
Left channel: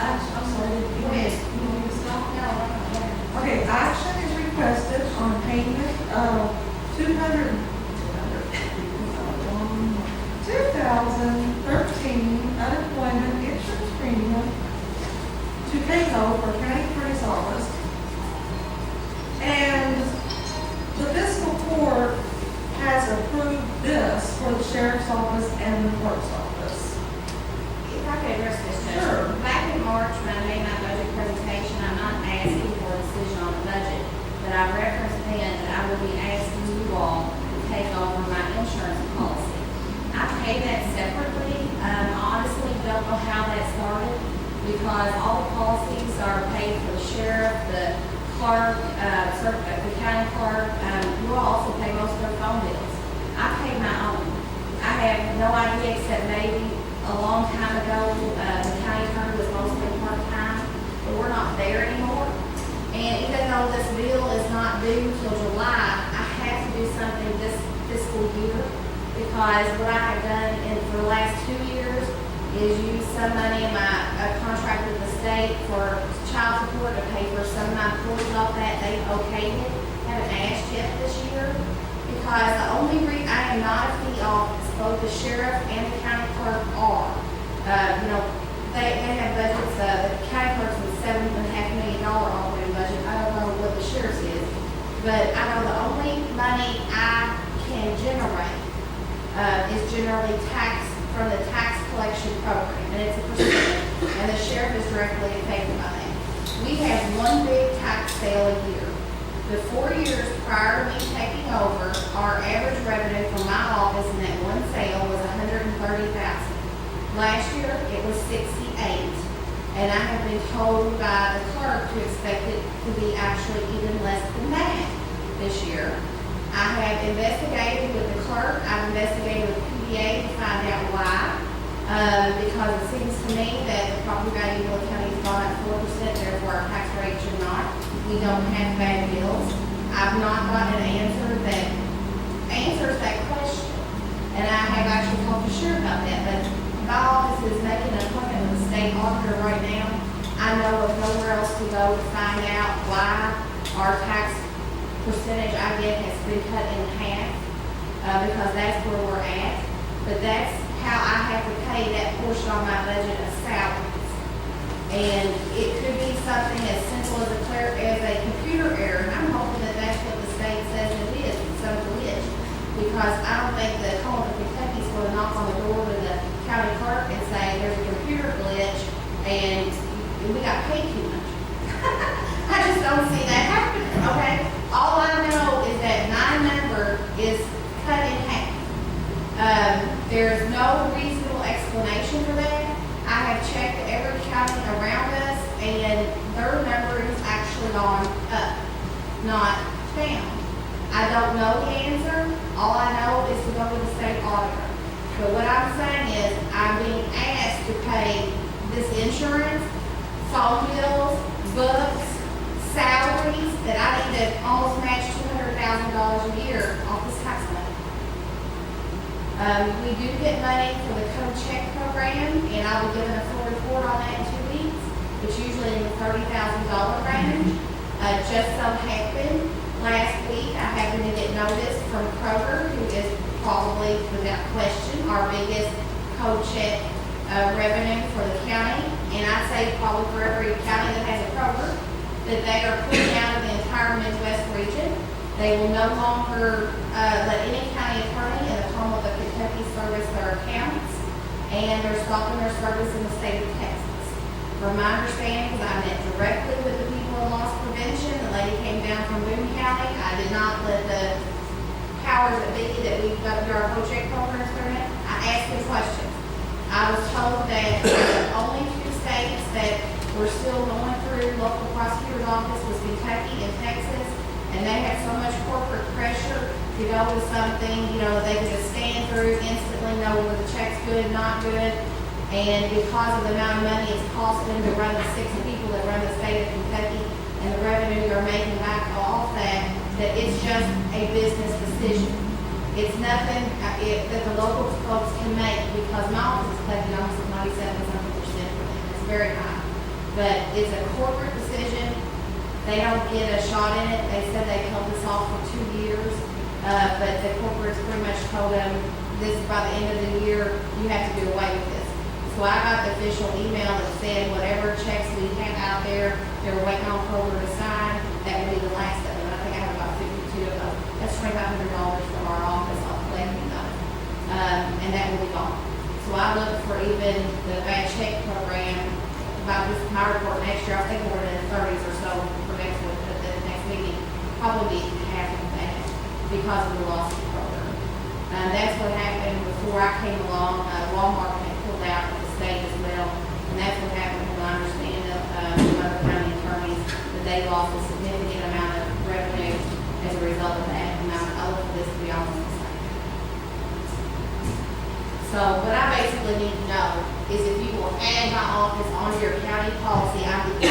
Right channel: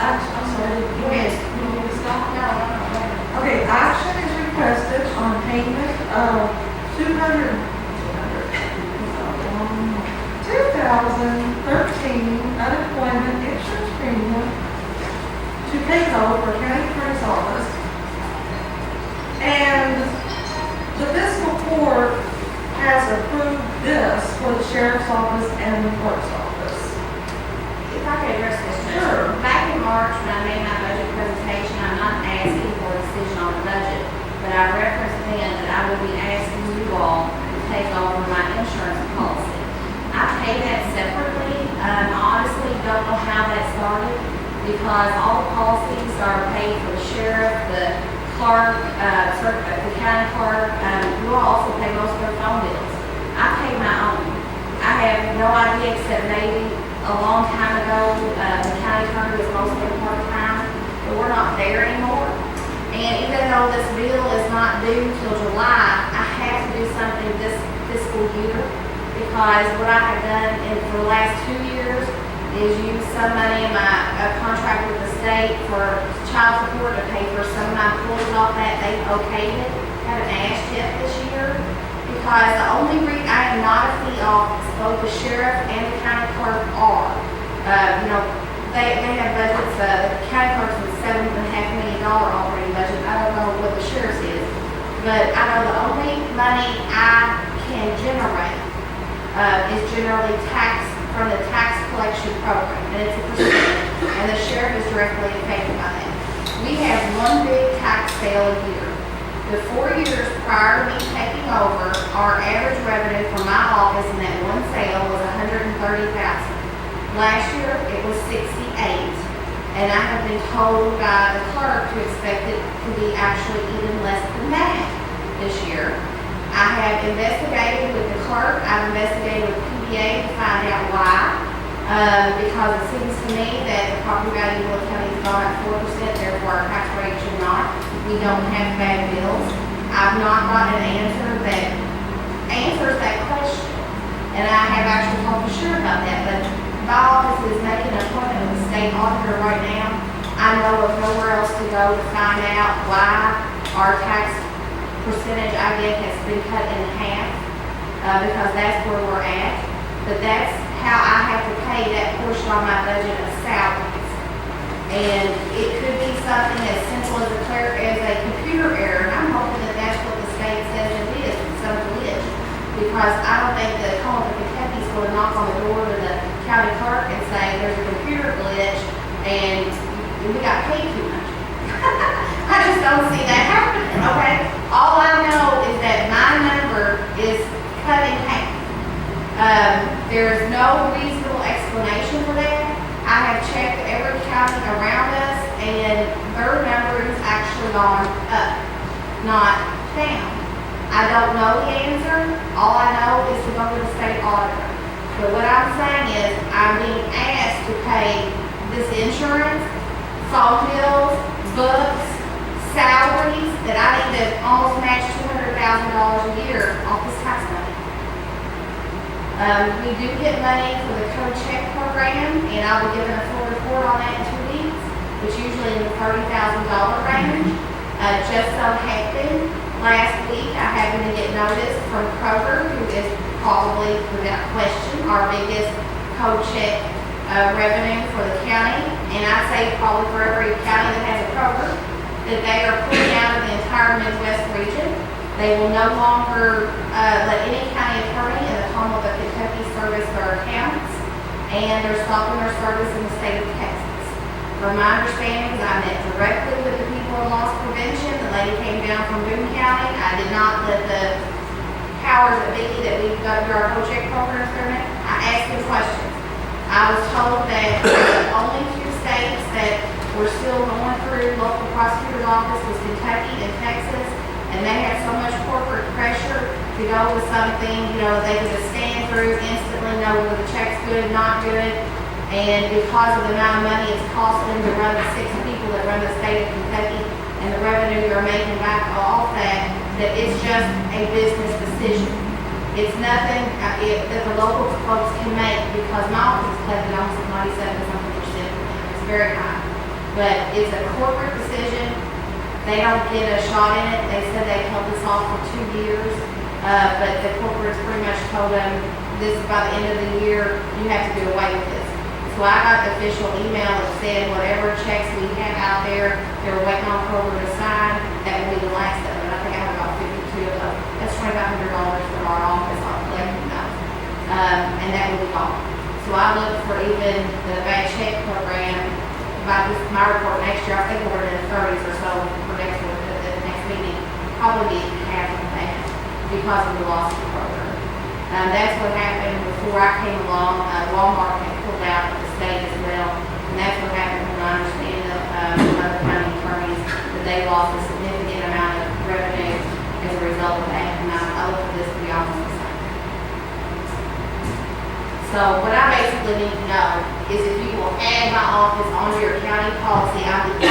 I'm sorry, you want me to stop? Okay, action is requested on payment of 2013 unemployment insurance premium to PAYCO for County Clerk's Office. And the fiscal court has approved this for the sheriff's office and the clerk's office. If I could address this, Sure. Back in March, when I made my budget presentation, I'm not asking for a decision on the budget, but I referenced then that I would be asking you all to take over my insurance policy. I pay that separately. I honestly don't know how that started because all the policies are paid for the sheriff, the clerk, the county clerk. You all also pay most of their phone bills. I pay my own. I have no idea except maybe a long time ago, the county clerk was mostly part-time, but we're not there anymore. And even though this bill is not due till July, I have to do something this fiscal year because what I have done for the last 2 years is use some money in my contract with the state for child support to pay for some of my employees off that. They okayed it. Haven't asked yet this year because the only reason I am not a fee office, both the sheriff and the county clerk are. They have budgets. The county clerk's with $7.5 million operating budget. I don't know what the sheriff's is, but I know the only money I can generate is generally tax from the tax collection program, and it's a percentage, and the sheriff is directly affected by that. We have one big tax sale a year. The 4 years prior to me taking over, our average revenue from my office in that one sale was $130,000. Last year, it was $68,000, and I have been told by the clerk to expect it to be actually even less than that this year. I have investigated with the clerk, I've investigated with PBA to find out why, because it seems to me that the property value of Bullitt County has gone up 4%, therefore our tax rate should not. We don't have bad bills. I've not gotten an answer that answers that question, and I have actually talked to Sure about that, but my office is making an appointment with the state auditor right now. I know of nowhere else to go to find out why our tax percentage I get has been cut in half, because that's where we're at. But that's how I have to pay that portion on my budget of salaries. And it could be something as simple as a computer error, and I'm hoping that that's what the state says it is, some glitch. Because I don't think the Commonwealth of Kentucky is going to knock on the door to the county clerk and say there's a computer glitch and we got paid too much. I just don't see that happening, okay? All I know is that my number is cut in half. There's no reasonable explanation for that. I have checked every county around us and their number is actually gone up, not down. I don't know the answer. All I know is to go to the state auditor. But what I'm saying is I'm being asked to pay this insurance, phone bills, books, salaries that I need to almost match $200,000 a year off this tax money. We do get money for the code check program, and I'll be giving a full report on that in 2 weeks. It's usually in the $30,000 range. Just so happened, last week I happened to get notice from Kroger, who is probably, without question, our biggest code check revenue for the county, and I'd say probably for every county that has a Kroger, that they are pulling out of the entire Midwest region. They will no longer let any county attorney in the Commonwealth of Kentucky service their accounts, and they're stopping their service in the state of Texas. From my understanding, I met directly with the people in loss prevention. The lady came down from Boone County. I did not let the powers that be that we go through our co-check programs through it. I asked them questions. I was told that the only few states that were still going through local prosecutor's office was Kentucky and Texas, and they had so much corporate pressure to go with something, they could just stand through instantly, know whether the check's good, not good, and because of the amount of money it's costing them to run the 6 people that run the state of Kentucky and the revenue they're making back off that it's just a business decision. It's nothing that the local folks can make because my office is collecting almost 97% for them. It's very high. But it's a corporate decision. They don't get a shot in it. They said they held this off for 2 years. But the corporates pretty much told them this by the end of the year, you have to do away with this. So I got the official email that said whatever checks we have out there, they were waiting on Kroger to sign, that will be the last of them. I think I have about 52 of them. That's $2,500 from our office on collecting those. And that will be gone. So I looked for even the bad check program my report next year, I think we're in the thirties or so for next week, at the next meeting, probably be half of that because of the loss of the program. That's what happened before I came along. Walmart had pulled out of the state as well, and that's what happened when I understand from other county attorneys that they lost a significant amount of revenue as a result of that. And I look for this to be almost the same. So what I basically need to know is if you will add my office onto your county policy. I'm the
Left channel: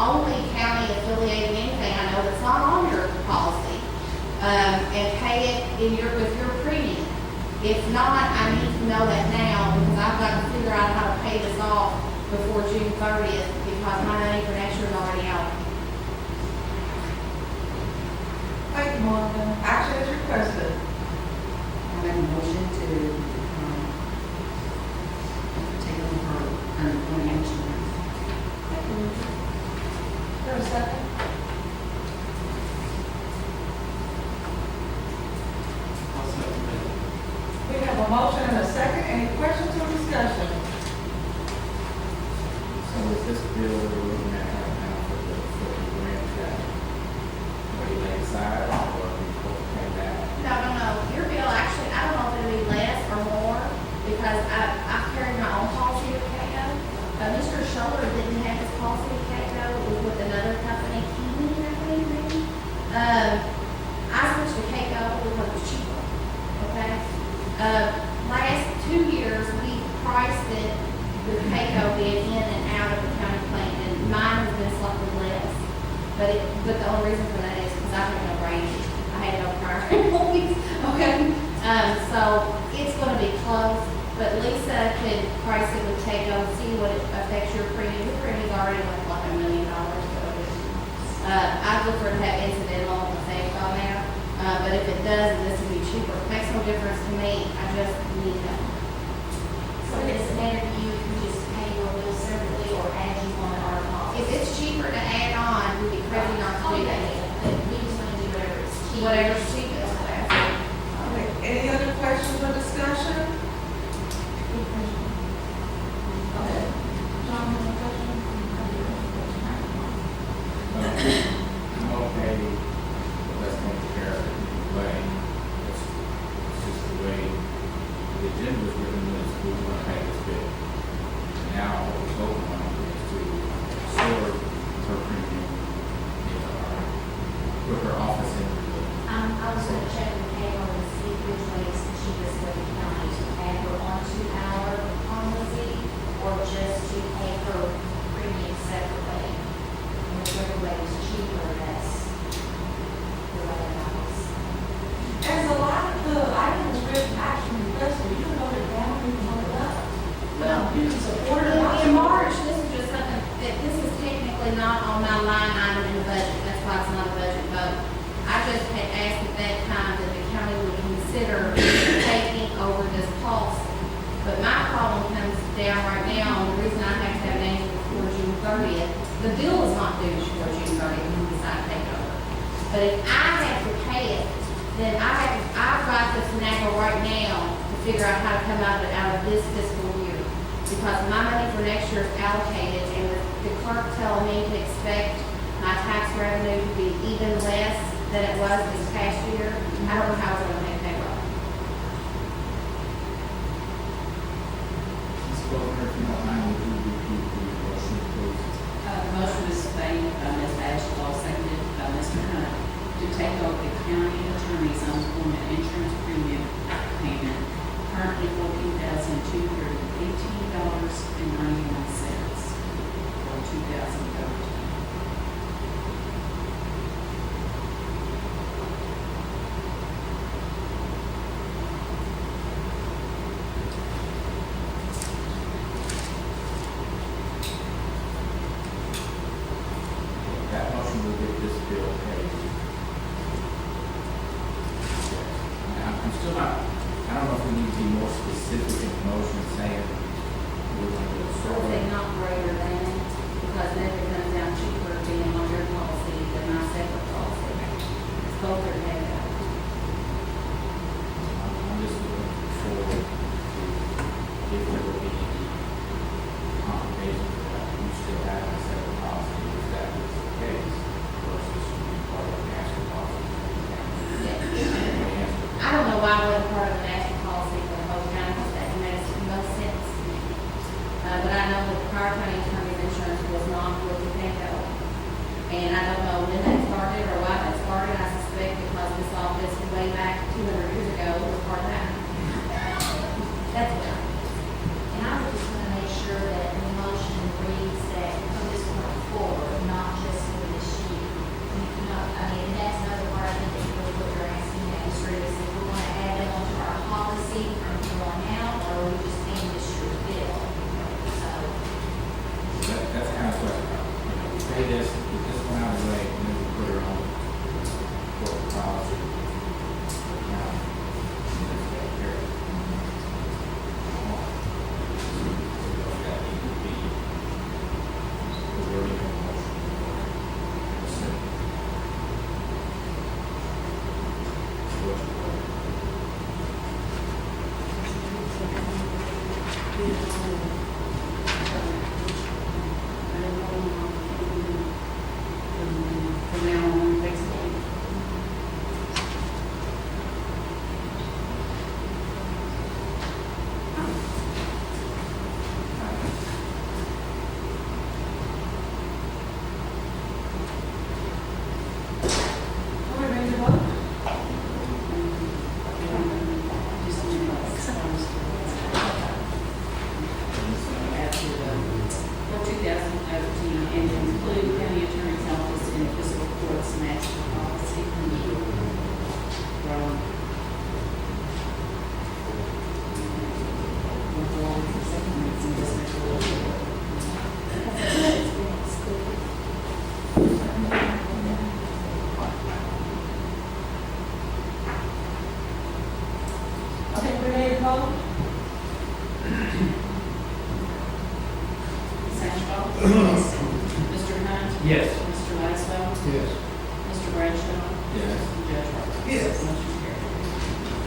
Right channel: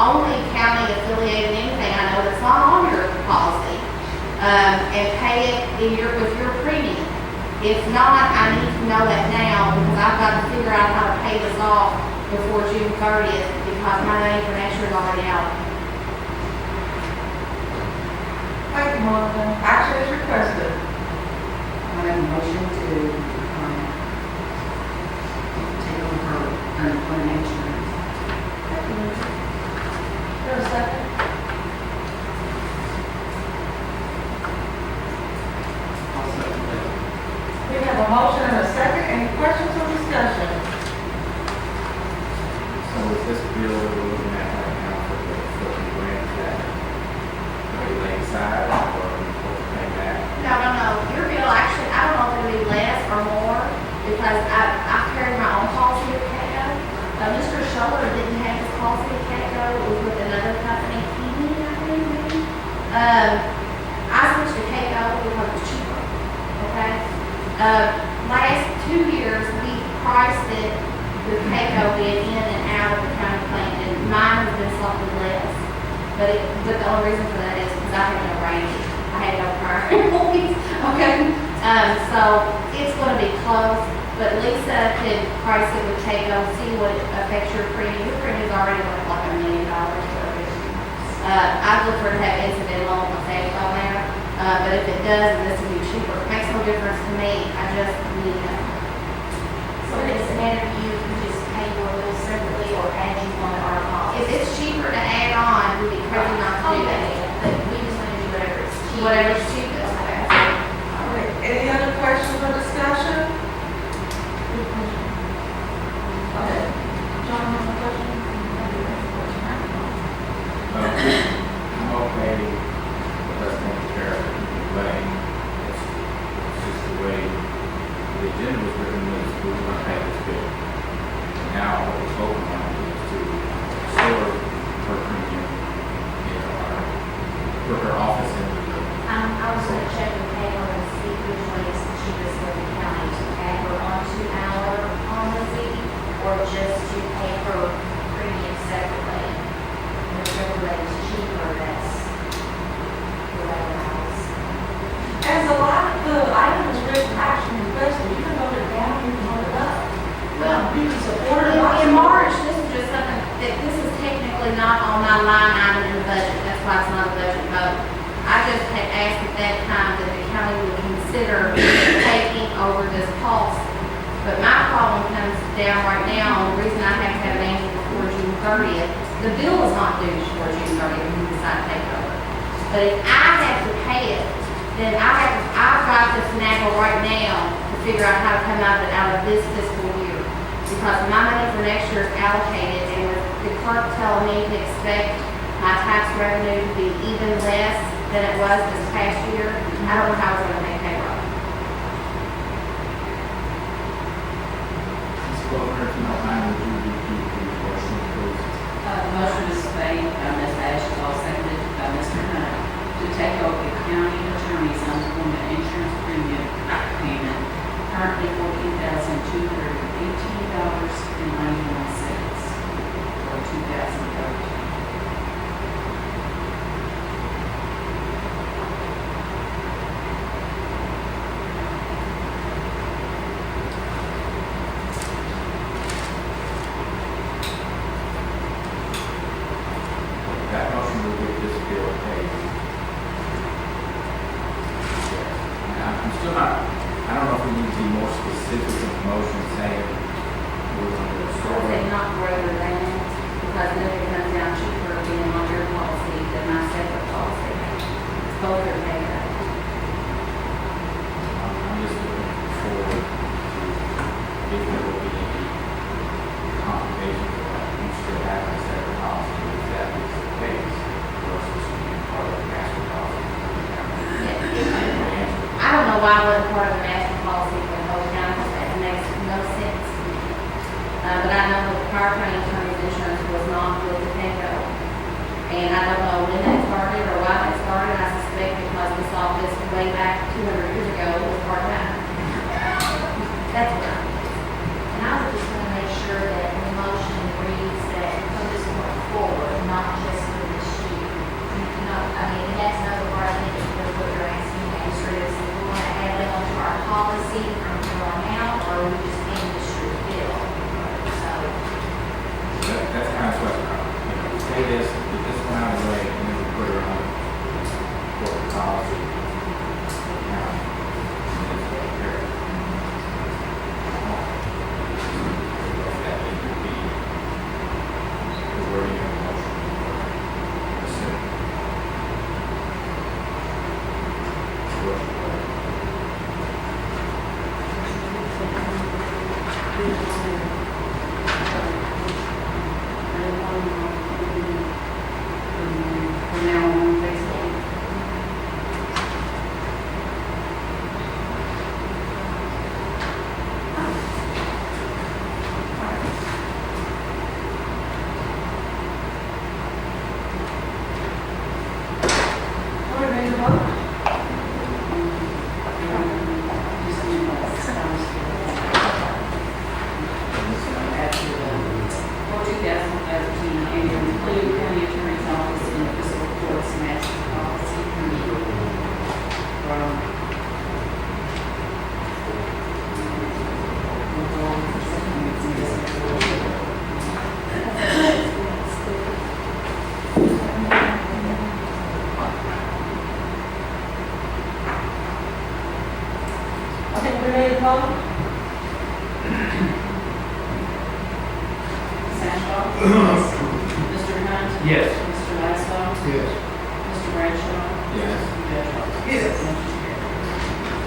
only county affiliated anything I know that's not on your policy, and pay it with your premium. If not, I need to know that now because I've got to figure out how to pay this off before June 30th because my money for next year is already out. Thank you, Monica. Action is requested. I make a motion to, take over unemployment insurance. Thank you, Lisa. There a second? I'll second that. We have a motion and a second. Any questions or discussion? So is this bill we're looking at right now for the grant that we lay aside or are we supposed to pay back? No. Your bill actually, I don't know if it'll be less or more because I've carried my own policy at CATO. Mr. Schuller didn't have his policy at CATO. It was with another company, Keeney, I think, maybe. I switched to CATO because it was cheaper. Okay? Last 2 years, we priced it with CATO being in and out of the county plan, and mine has been slightly less. But the only reason for that is because I had no range. I had no prior employees. Okay? So it's going to be close, but Lisa can price it with CATO, see what it affects your premium. Your premium is already worth like $1 million. I'd look for it to have incidental on the same on there. But if it does, and this will be cheaper, it makes no difference to me. I just need to. So it doesn't matter if you can just pay your bill separately or add you on our policy. If it's cheaper to add on, it would be crazy not to do that. But we just want to do whatever is cheap. Whatever's cheapest. All right. Any other questions or discussion? Okay. John, have a question? I'm okay with us going to care of the way. It's just the way the agenda was written was we were going to pay this bill. And now what we're voting on is to absorb her premium, put her office in the bill. I was going to check with Payroll and see which one is the cheapest for the county to add her onto our policy or just to pay her premium separately. Whichever way is cheaper, that's the way it is. As a lot of the items written action requested, you can vote it down, you can vote it up. Well, You can support it. in March, this is just something that this is technically not on my line item in the budget. That's why it's not a budget vote. I just had asked at that time that the county would consider taking over this policy. But my problem comes down right now, and the reason I have to have an answer before June 30th, the bill is not due before June 30th when you decide to take over. But if I have to pay it, then I've got to finagle right now to figure out how to come out of this fiscal year. Because my money for next year is allocated, and with the clerk telling me to expect my tax revenue to be even less than it was this past year, I don't know how it's going to make payroll. Ms. Bowman, if you don't mind, would you repeat the motion, please? The motion is made by Ms. Ashton, seconded by Mr. Hunt, to take over the county attorney's unemployment insurance premium payment, currently $14,218.91 for 2013. That motion will get this bill paid. I'm still not, I don't know if we need to be more specific in the motion saying we're going to So absorb is it. it not greater than, because then it comes down cheaper being on your policy than my separate policy. It's both are paid out. I'm just looking forward to if there will be any complications with that. I know that the prior county attorney's insurance was not with the Penco. And I don't know when that started or why that started. I suspect because this office way back 200 years ago was part-time. That's what I think. And I was just gonna make sure that the motion reads that from this point forward, not just for this year. You know, I mean, and that's another part, I think, is what you're asking, that is if we wanna add them onto our policy from here on out, or we just end this year's bill. So, That's the kind of question, you know, we pay this, get this one out of the way, and then we put it on corporate policy. Account, and it's taken care of. That needs to be the wording of the motion. That's it. What you want. From now on, basically. Are we ready to vote? Just need to expunge after for 2013 and include county attorney's office in fiscal court's master policy committee. We'll go on for second reads in this resolution. I think we're ready to vote. Sashbaugh? Yes. Mr. Hunt? Yes. Mr. Laszlo? Yes. Mr. Bradshaw? Yes. Judge Roberts? Yes. Motion carried.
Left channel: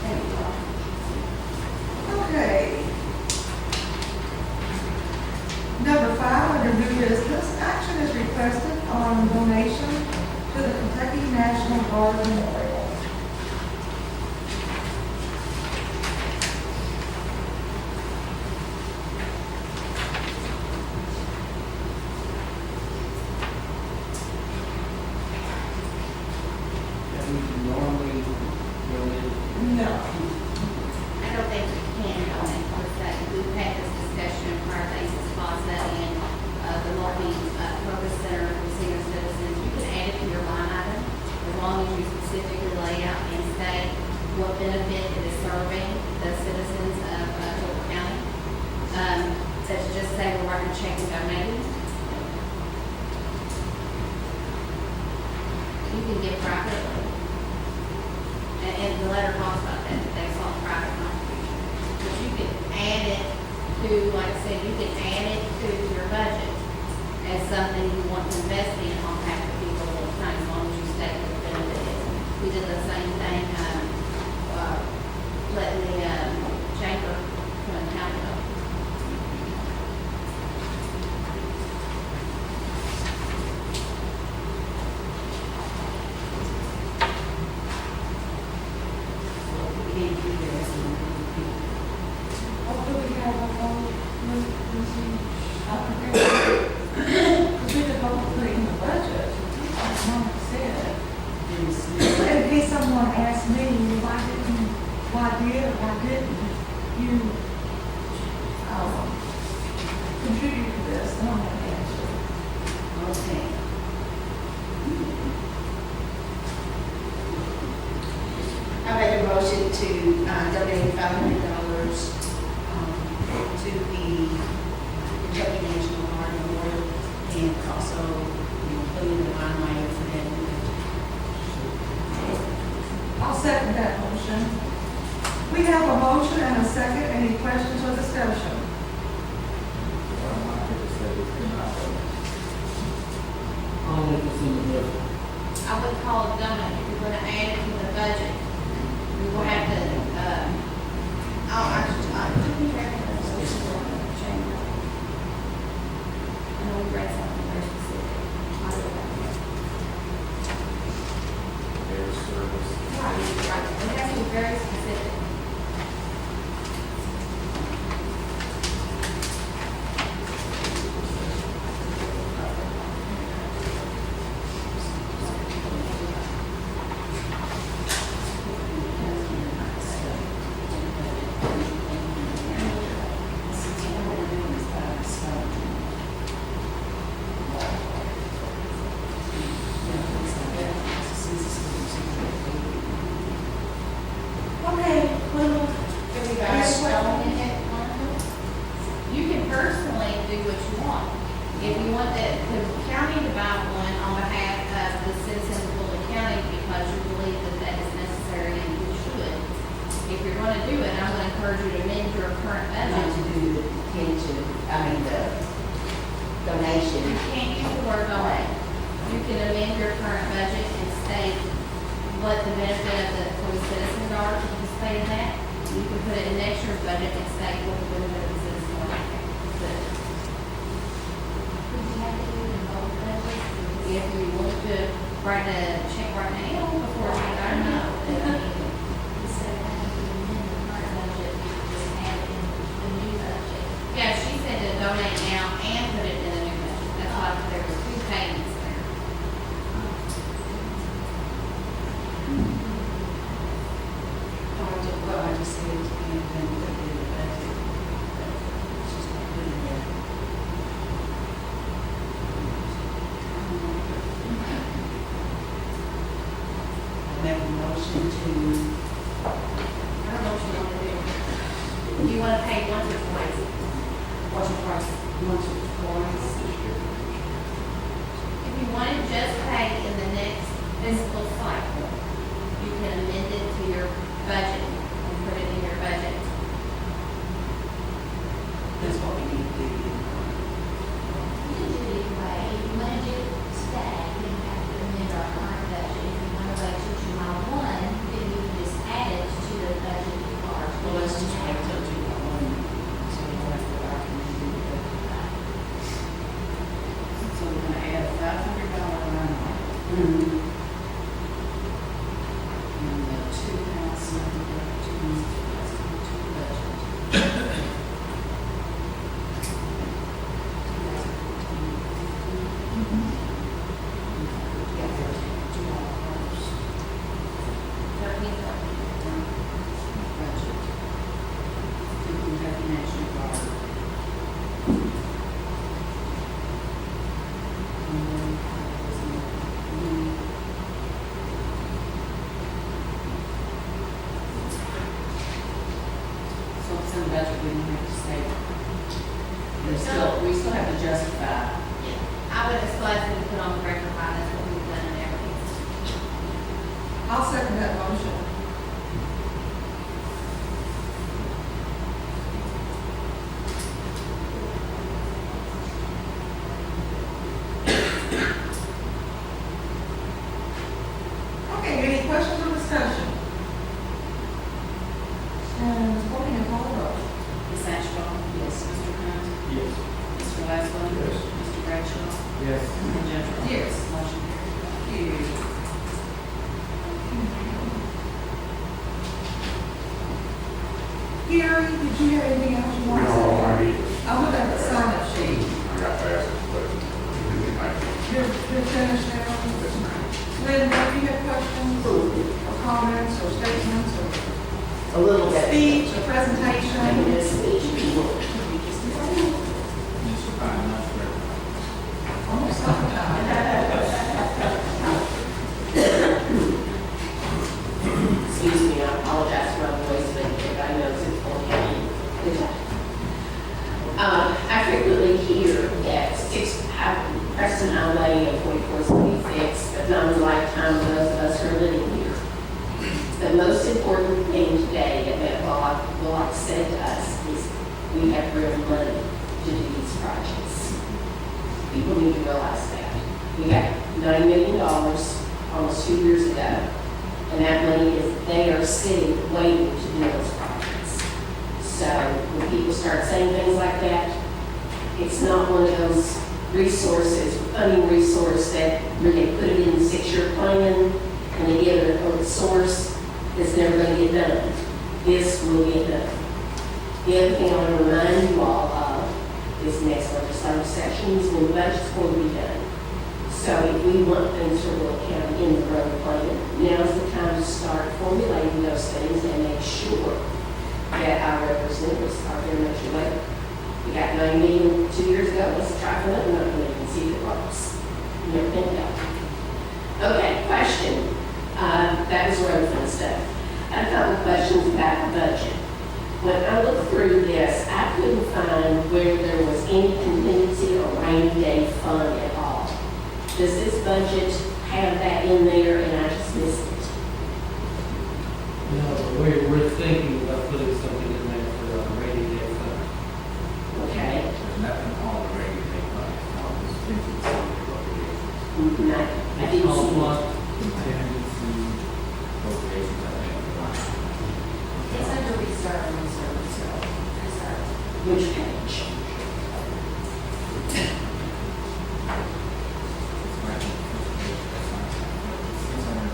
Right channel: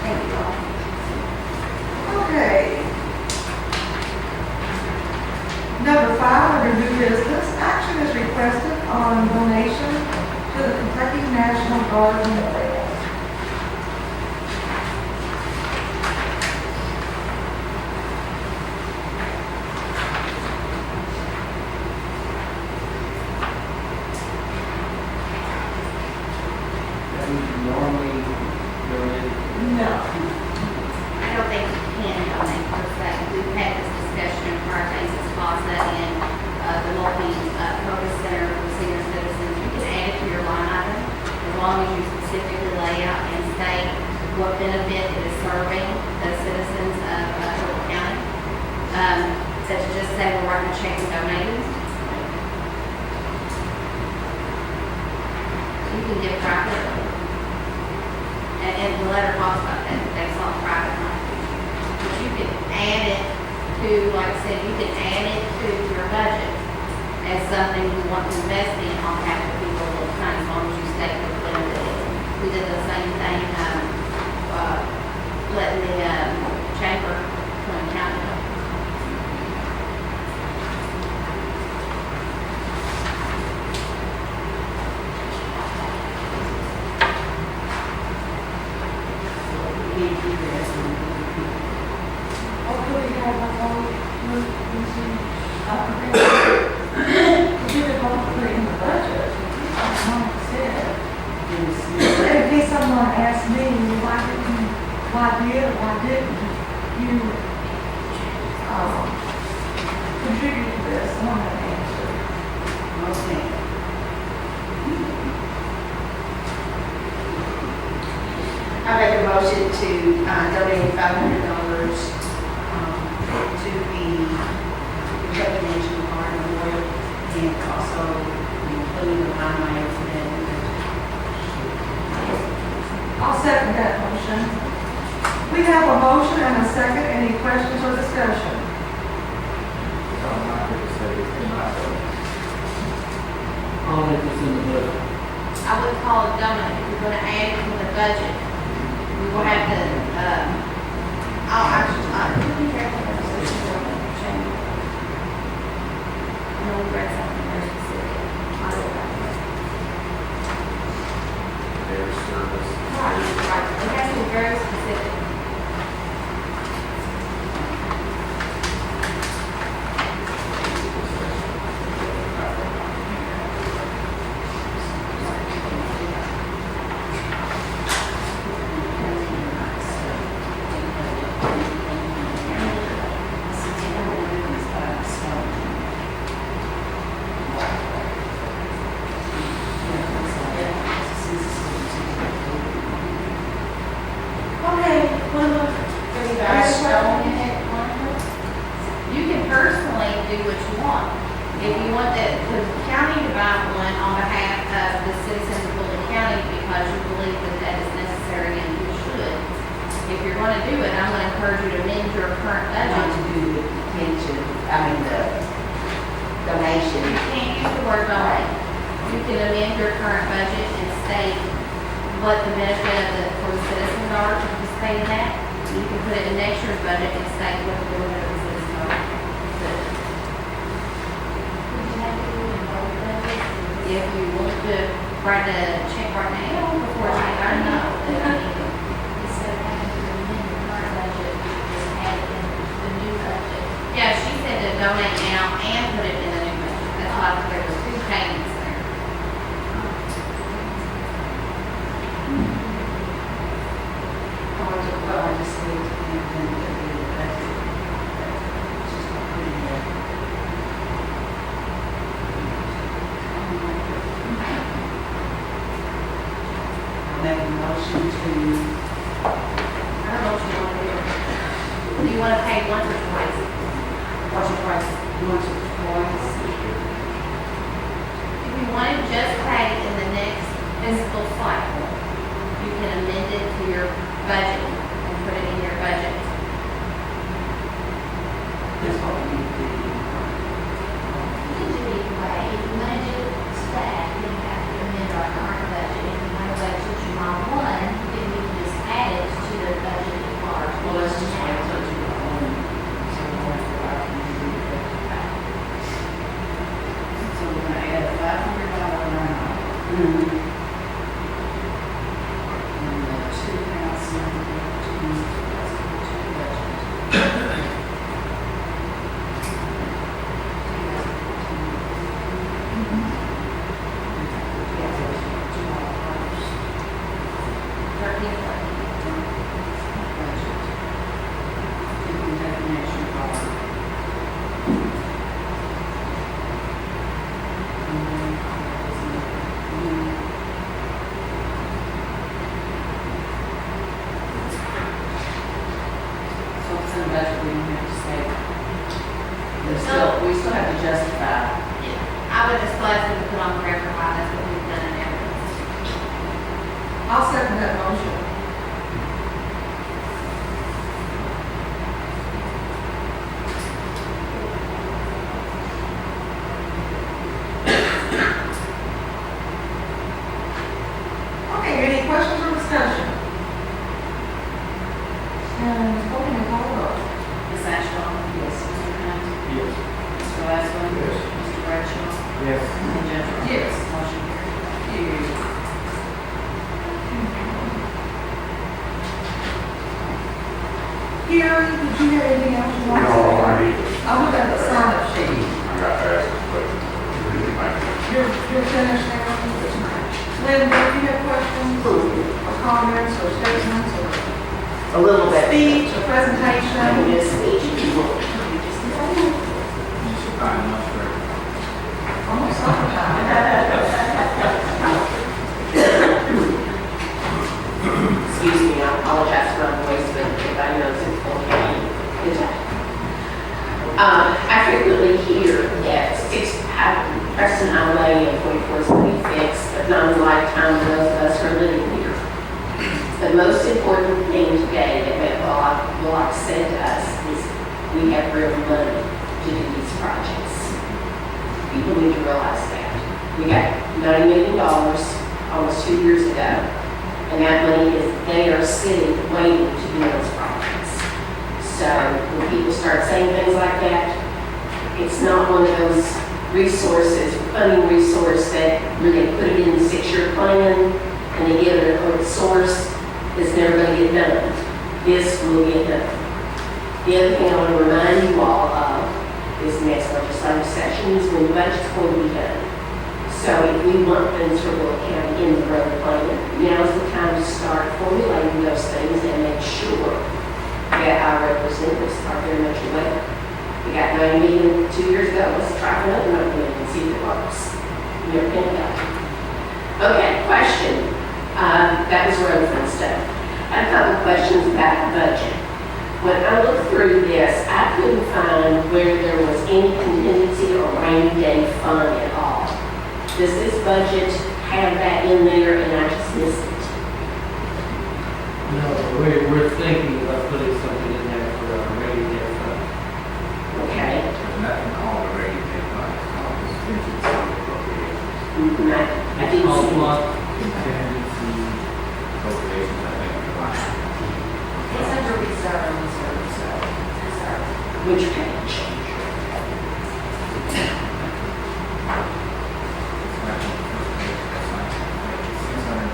Thank you all. Okay. Number 5, under new business, action is requested on donation to the Kentucky National Guard Memorial. That we normally donate. No. I don't think you can donate per se. We've had this discussion in prior days, it's Plaza and the multi-purpose center for senior citizens. You can add it to your line item as long as you specifically lay out and state what benefit it is serving the citizens of Hope County. Such as just say we're writing a check and donating. You can give privately. And the letter talks about that, that's all private money. But you can add it to, like I said, you can add it to your budget as something you want to invest in on behalf of people of the county, as long as you state what the benefit is. We did the same thing, letting the, chamber come and count it up. We can't do this and repeat. Hopefully we have a vote, we did vote to put it in the budget. Like Mom said. In case someone asks me, why did or why didn't you, contribute to this, I want to answer. Okay. I make a motion to donate $500 to the Kentucky National Guard Memorial and also including the line item for that. I'll second that motion. We have a motion and a second. Any questions or discussion? I'm not going to say it's in my vote. I'll make this in the budget. I would call it donut, if you're gonna add it to the budget, we will have to, be careful with the resolution for the chamber. I know we read something very specific. I don't know. Their service. Right, it has to be very specific. want. If you want the county to buy one on behalf of the citizens of Bullitt County because you believe that that is necessary and you should, if you're gonna do it, I'm gonna encourage you to amend your current Not budget. to do with detention, the donation. You can't use the word donate. You can amend your current budget and state what the benefit of for the citizens are to participate in that. You can put it in next year's budget and state what the benefit of the citizens are. Would you have to do it in both budgets? If you want to write a check right now before I don't know. Instead of having to amend the current budget, you could just add it in the new budget. Yeah, she said to donate now and put it in the new budget. That's why there was two payments there. Well, I just said, and then put it in the budget. It's just not put in there. I'll make a motion to, I don't know what you want to do. Do you want to pay once or twice? what's your price, once or twice? If you want to just pay in the next fiscal cycle, you can amend it to your budget and put it in your budget. That's what we need to do. You can do it either way. If you want to do it stack, then you have to amend our current budget. If you want to wait till July 1, then you can just add it to the budget at large. Well, let's just wait till July 1. So we'll have to go out and do the budget. So we're gonna add a $500 line item. And the 2,000 to budget. So it's in the budget, we don't have to say. We still have to justify. I would just like to put on the record why that's what we've done in everything. I'll second that motion. Okay, any questions or discussion? And voting and call vote. Ms. Ashcraft? Yes. Mr. Hunt? Yes. Mr. Glassman? Yes. Mr. Bradshaw? Yes. And Judge Ross? Yes. Motion carried. Gary, did you have anything else you want to say? No, I need, I'll look at the sign-up sheet. I got to ask a question. You're finished now? Lynn, do you have questions or comments or statements or A little bit. speech or presentation? This speech. Fine, much better. Almost summertime. Excuse me, I apologize for my voice, but if I know it's okay. I frequently hear that Preston Highway and 44 is going to be fixed, but not in a lifetime for those of us who are living here. The most important thing today that Matt Bullock said to us is we have real money to do these projects. People need to realize that. We got $90 million almost 2 years ago, and that money is there sitting, waiting to do those projects. So when people start saying things like that, it's not one of those resources, funding resource that where they put it in the 6-year plan and they give it a source that's never going to get done. This will get done. The other thing I want to remind you all of is next legislative session is when the budget's going to be done. So if we want things for Bullitt County in the road plan, now's the time to start formulating those things and make sure that our representatives are very much aware. We got 9 million 2 years ago, let's try for another 9 million and see if it works. You ever think about it? Okay, question. That was road fund stuff. I had a couple of questions about the budget. When I looked through this, I couldn't find where there was any contingency or rainy day fund at all. Does this budget have that in there and I just missed it? No, we're thinking about putting something in there for a rainy day fund. Okay. There's nothing called a rainy day fund, it's called contingency appropriations. I It's didn't called see it. what? Contingency appropriations, I think, is line. It's under reserve. Which page?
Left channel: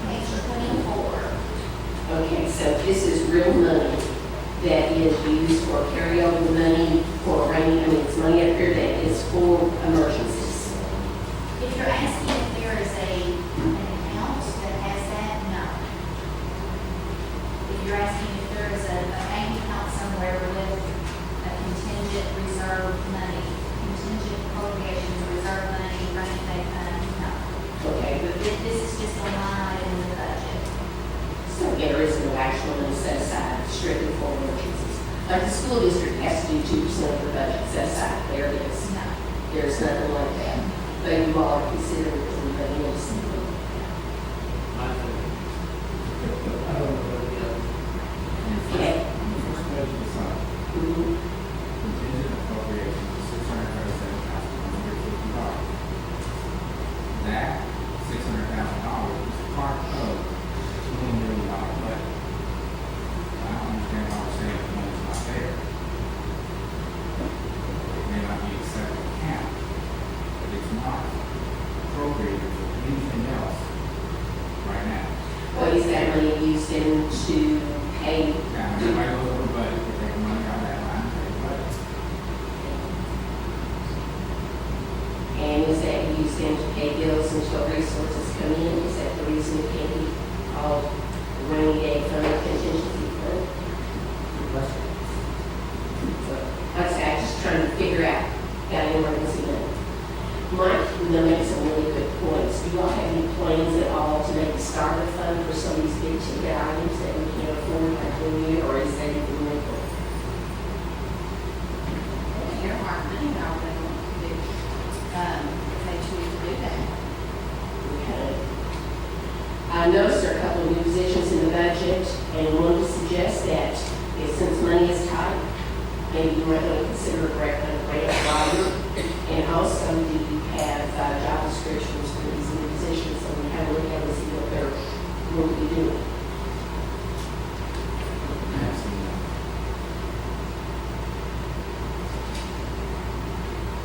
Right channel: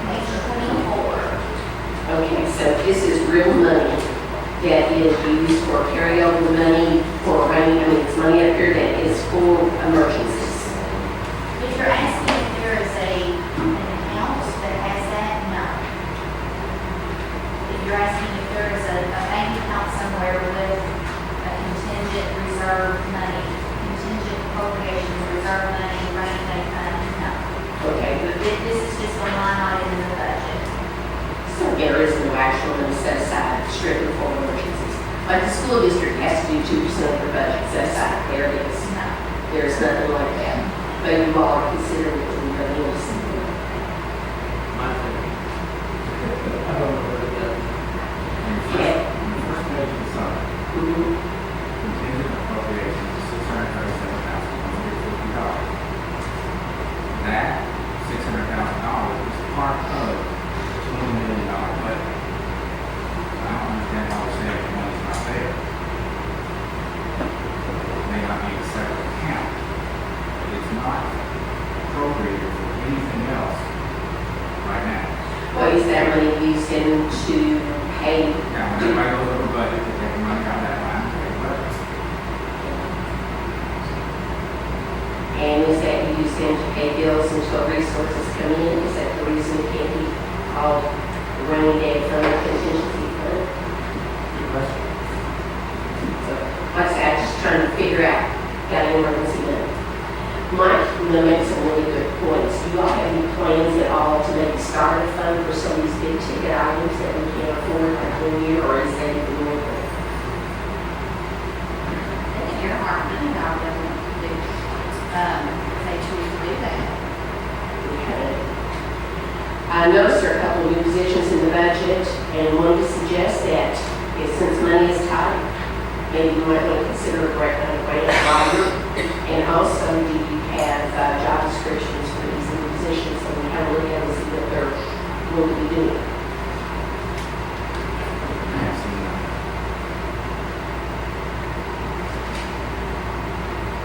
Page 24. Okay, so this is real money that is used for carryover money for rainy, I mean, it's money up here that is for emergencies. If you're asking if there is an account that has that, no. If you're asking if there is a bank account somewhere with a contingent reserve money, contingent appropriations, reserve money, rainy day fund, no. Okay, but This is just a line item in the budget. so there is no actual money set aside strictly for emergencies. Like the school district has to do 2% of their budget set aside, there it is. No. There's nothing like that. But you all are considering it to be else. My thing. I don't know what it is. Okay. On the first page of the summary, Mhm. contingent appropriations is $637,150. That $600,000 is part of the $20 million budget. I don't understand why we're saying the money's not there. It may not be a separate account, but it's not appropriated for anything else right now. What is that money used in to pay? Now, when everybody goes over budget, they take the money out of that line, and pay the budget. And is that used in to pay bills until resources come in? Is that the reason it can't be called rainy day fund or contingency fund? Good question. So, like I said, I'm just trying to figure out, got an emergency money. Mike, makes some really good points. Do you all have any plans at all to maybe start a fund for some of these big ticket items that we can't afford like one year, or is that even more? They can earmark money out of them, if they choose to do that. Okay. I noticed there are a couple of new positions in the budget, and wanted to suggest that since money is tight, maybe you might want to consider a grant writer. And also, do you have job descriptions for these new positions, so we have a look at them and see what they're going to be doing? I have seen that.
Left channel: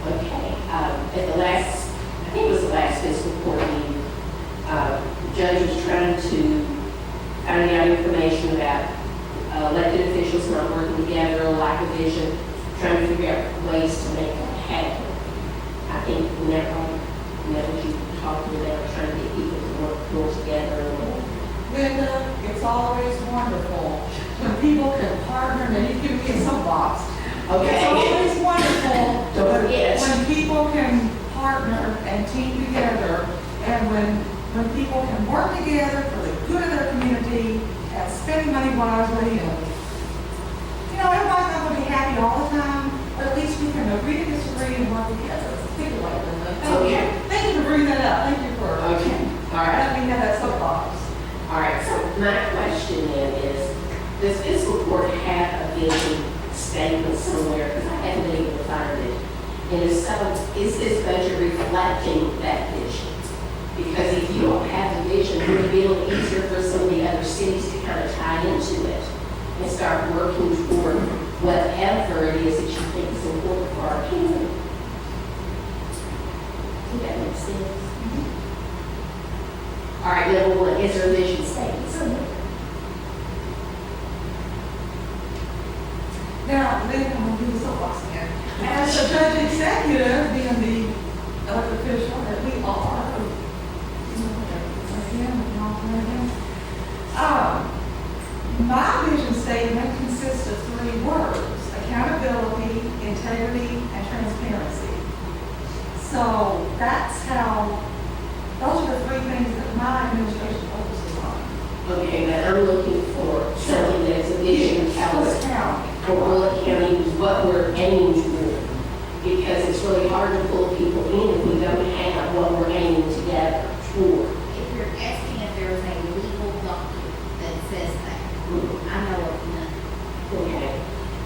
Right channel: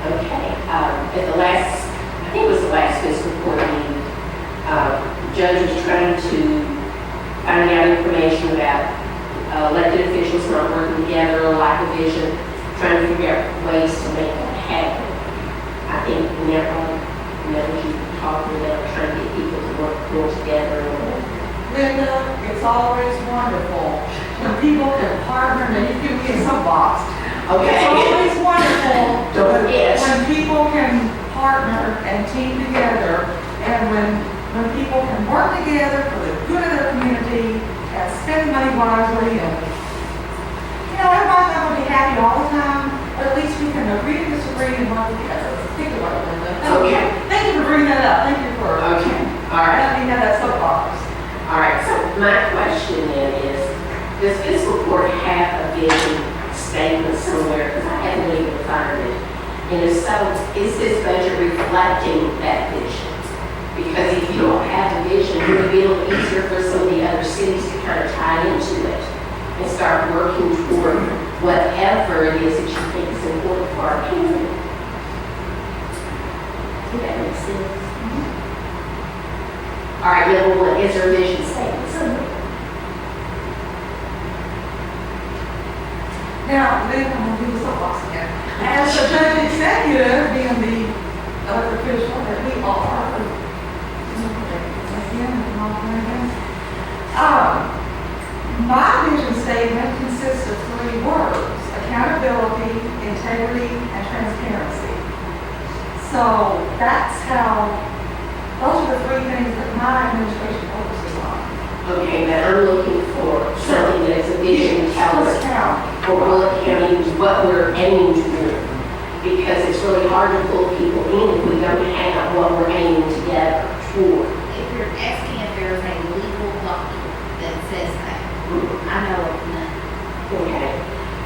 Okay, at the last, I think it was the last fiscal court meeting, the judge was trying to find out information about elected officials not working together, or lack of vision, trying to figure out ways to make that happen. I think whenever you talk about trying to get people to work more together, Linda, it's always wonderful when people can partner, and you give me a soapbox. It's okay, always wonderful don't forget. when people can partner and team together, and when people can work together for the good of their community and spend money wisely. And everybody's not going to be happy all the time, but at least we can agree to disagree and work together. Think about it, Linda. Thank you. Thank you for bringing that up. Thank you for Okay, all right. letting me have that soapbox. All right, so my question then is, does fiscal court have a vision statement somewhere? Because I haven't been able to find it. And if so, is this budget reflecting that vision? Because if you don't have a vision, it would be a little easier for some of the other cities to kind of tie into it and start working toward whatever it is that you think is important for our community. Does that make sense? All right, number one, is there a vision statement somewhere? Now, then I'm going to do the soapbox again. As the judge executive, being the elected official that we are, my vision statement consists of 3 words: accountability, integrity, and transparency. So that's those are the 3 things that my administration focuses on. Okay, now I'm looking for something that is a vision Let's telling count. for Bullitt County, what we're aiming to do. Because it's really hard to pull people what we're aiming together toward. If you're asking if there's a legal document that says that, I know of none. Okay,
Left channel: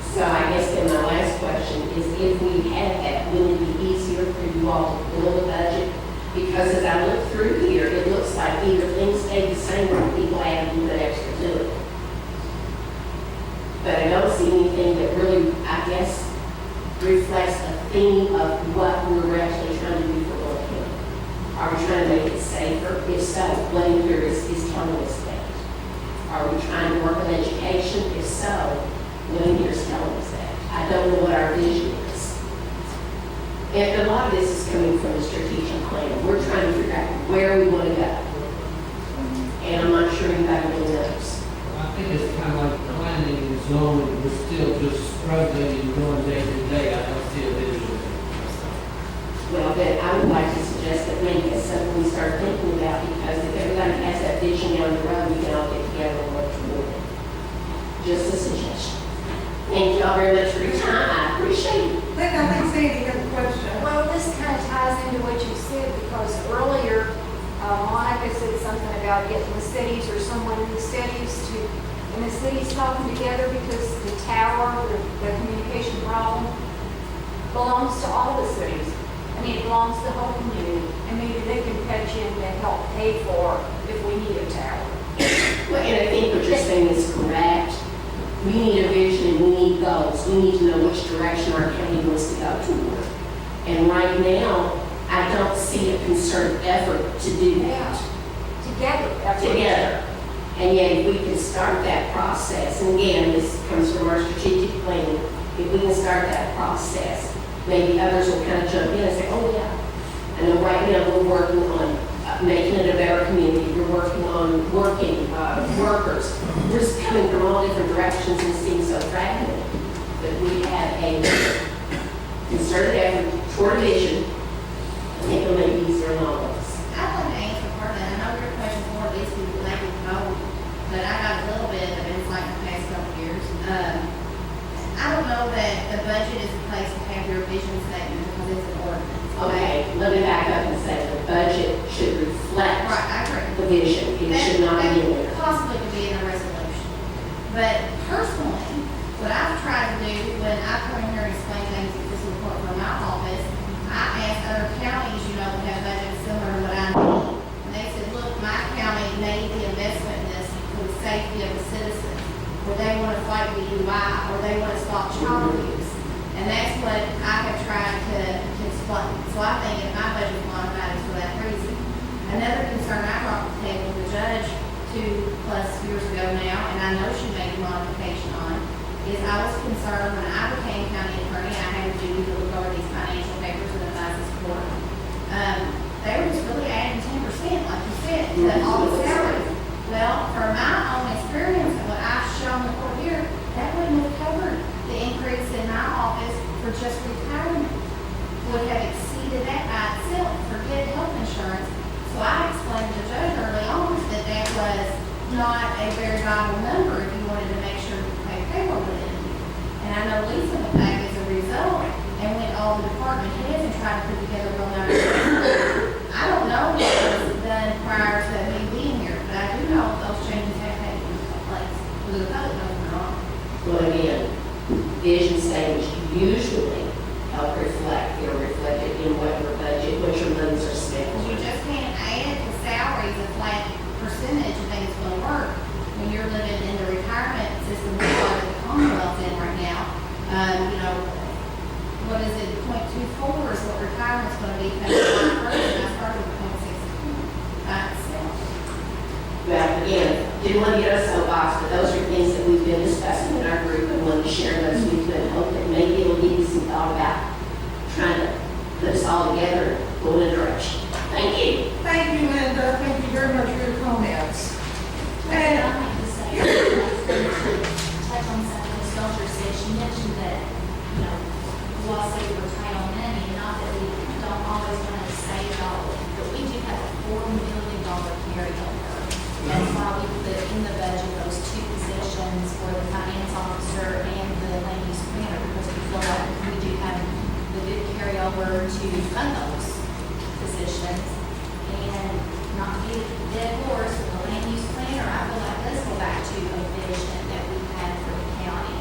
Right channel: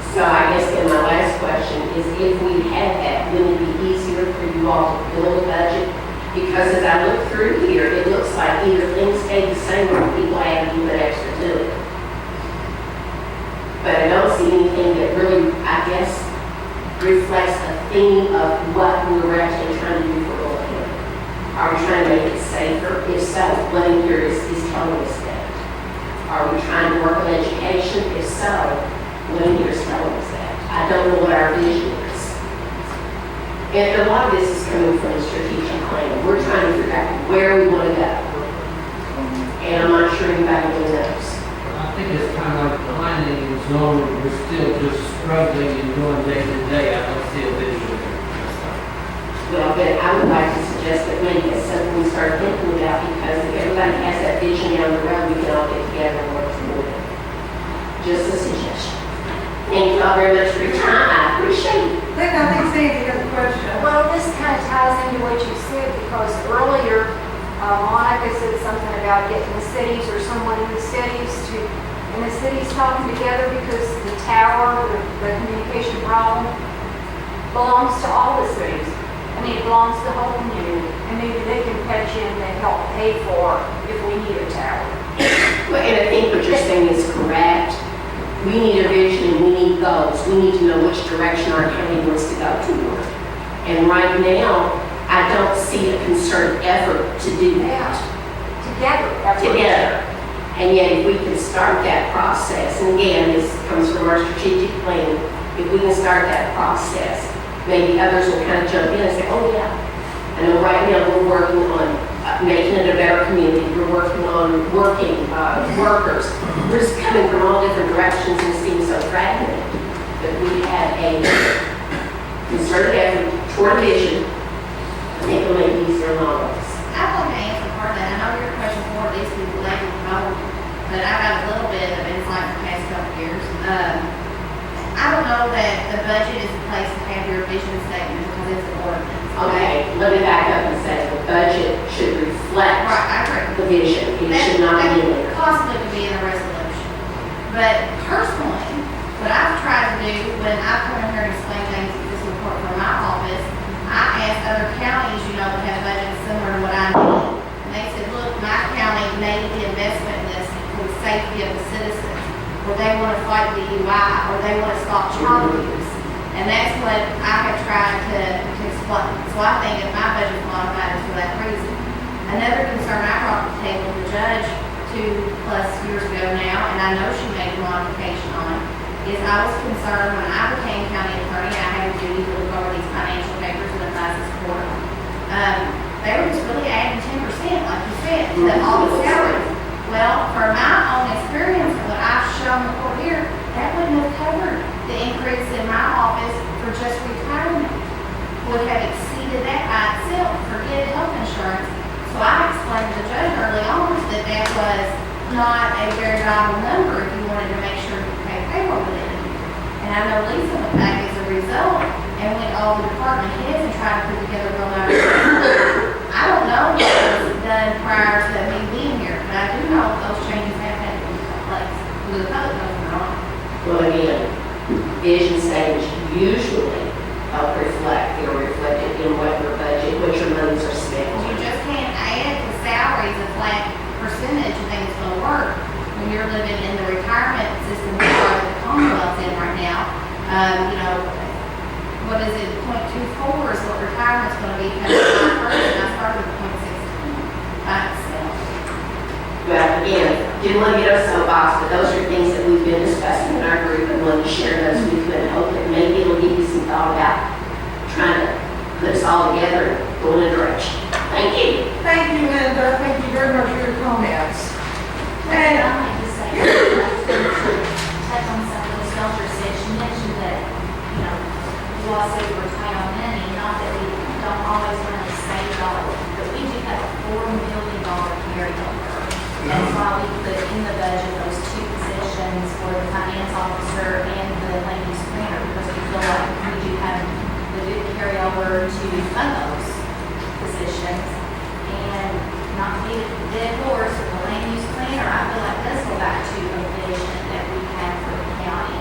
so I guess then my last question is if we had that, would it be easier for you all to build a budget? Because as I look through here, it looks like either things stayed the same or people added a little bit extra to it. But I don't see anything that really, I guess, reflects a theme of what we're actually trying to do for Bullitt County. Are we trying to make it safer? If so, what in here is telling us that? Are we trying to work on education? If so, what in here is telling us that? I don't know what our vision is. And a lot of this is coming from the strategic plan. We're trying to figure out where we want to go. And I'm not sure anybody really knows. I think it's kind of like planning and zoning, we're still just struggling and going day to day. I don't see a vision there. Well, but I would like to suggest that maybe it's something we start thinking about, because if everybody has that vision down the road, we can all get together and work toward it. Just a suggestion. Thank you all very much for your time. I appreciate it. Linda, I think Sandy has a question. Well, this kind of ties into what you said, because earlier, Monica said something about getting the cities or someone in the cities talking together, because the tower, the communication problem belongs to all the cities. I mean, it belongs to the whole community, and maybe they can pitch in and help pay for if we need a tower. Well, and I think what you're saying is correct. We need a vision and we need goals. We need to know which direction our county wants to go toward. And right now, I don't see a concerted effort to do that. Together. And yet, if we can start that process, and again, this comes from our strategic plan, if we can start that process, maybe others will kind of jump in and say, oh yeah. I know right now we're working on making it a better community. We're working on working workers. We're just coming from all different directions and it seems so fragmented. But we have a concerted effort toward a vision. I think it'll make it easier on all of us. I want to answer part of that. I know your question for this is related to home, but I got a little bit of insight in the past couple of years. I don't know that the budget is the place to have your vision statement because it's an ordinance. Okay, let me back up and say the budget should reflect Right, I agree. the vision. It should not be in there. Possibly could be in a resolution. But personally, what I've tried to do when I come in here and explain things to this report from my office, I asked other counties, that have budgets similar to what I need. And they said, look, my county made the investment in this for the safety of the citizens, or they want to fight the UI, or they want to stop child abuse. And that's what I have tried to explain. So I think if my budget is modified, it's for that reason. Another concern I brought to the table, the judge 2+ years ago now, and I know she made a modification on, is I was concerned when I became county attorney, I had a duty to look over these financial papers and advise this court. They were just really adding 10%, like you said, to all the salaries. Well, from my own experience and what I've shown the court here, that wouldn't have covered the increase in my office for just retirement. Would have exceeded that by itself, forget health insurance. So I explained to the judge early on that that was not a very viable number if you wanted to make sure you pay payroll within a year. And I know Lisa went back as a result and went all the department heads and tried to put together a real nice. I don't know what was done prior to me being here, but I do know those changes have had to take place. Because the public knows they're not. Well, again, vision statements usually help reflect, they're reflected in what your budget, what your monies are spent on. You just can't add to salaries a flat percentage and think it's going to work. When you're living in the retirement system that the Commonwealth's in right now, what is it, 0.24 is what retirement's going to be coming July 1st, and I started with 0.16 by itself. Well, again, didn't want to get us soapbox, but those are things that we've been discussing in our group and wanted to share those with you and hope that maybe it'll give you some thought about trying to put us all together and go in a direction. Thank you. Thank you, Linda. Thank you very much for your comments. And And I'd like to say, touch on something Ms. Belcher said. She mentioned that, you all say we're tight on money, not that we don't always want to save it all, but we do have a $4 million carryover. That's why we put in the budget those 2 positions for the finance officer and the land use planner, because we feel like we do have the good carryover to fund those positions. And not to be a dead horse, but the land use planner, I feel like does go back to a vision that we had for the county.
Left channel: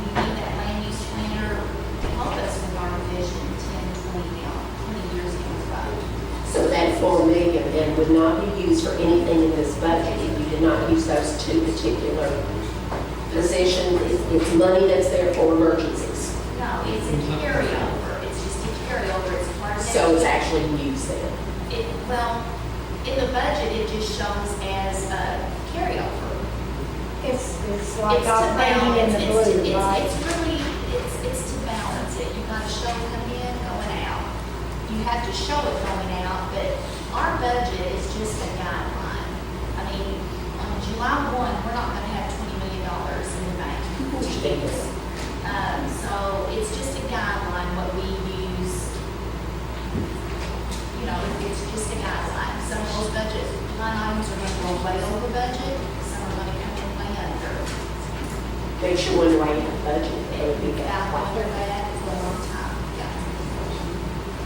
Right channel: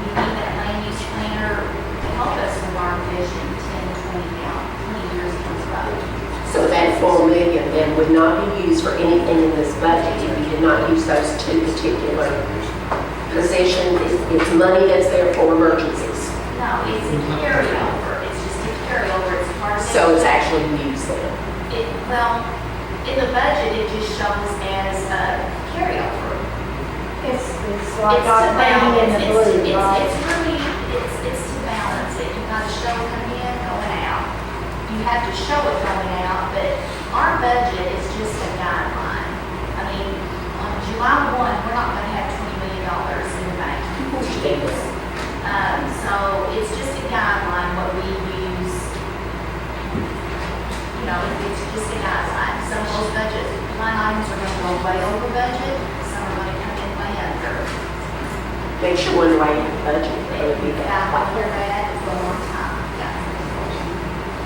We need that land use planner to help us with our vision 20 years down the road. So that 4 million then would not be used for anything in this budget if you did not use those two particular positions. It's money that's there for emergencies. No, it's a carryover. It's just a carryover. It's part of. So it's actually used then. Well, in the budget, it just shows as a carryover. It's It's like to our painting in the balance. blue, right? It's really, it's to balance it. You've got to show it coming in, going out. You have to show it going out, but our budget is just a guideline. I mean, on July 1, we're not going to have $20 million in the bank. So it's just a guideline, what we use. You know, it's just a guideline. Some of those budget line items are going to go way over budget, some are going to come in way under. Makes you wonder why you have a budget. That would be I've that. heard that for a long time.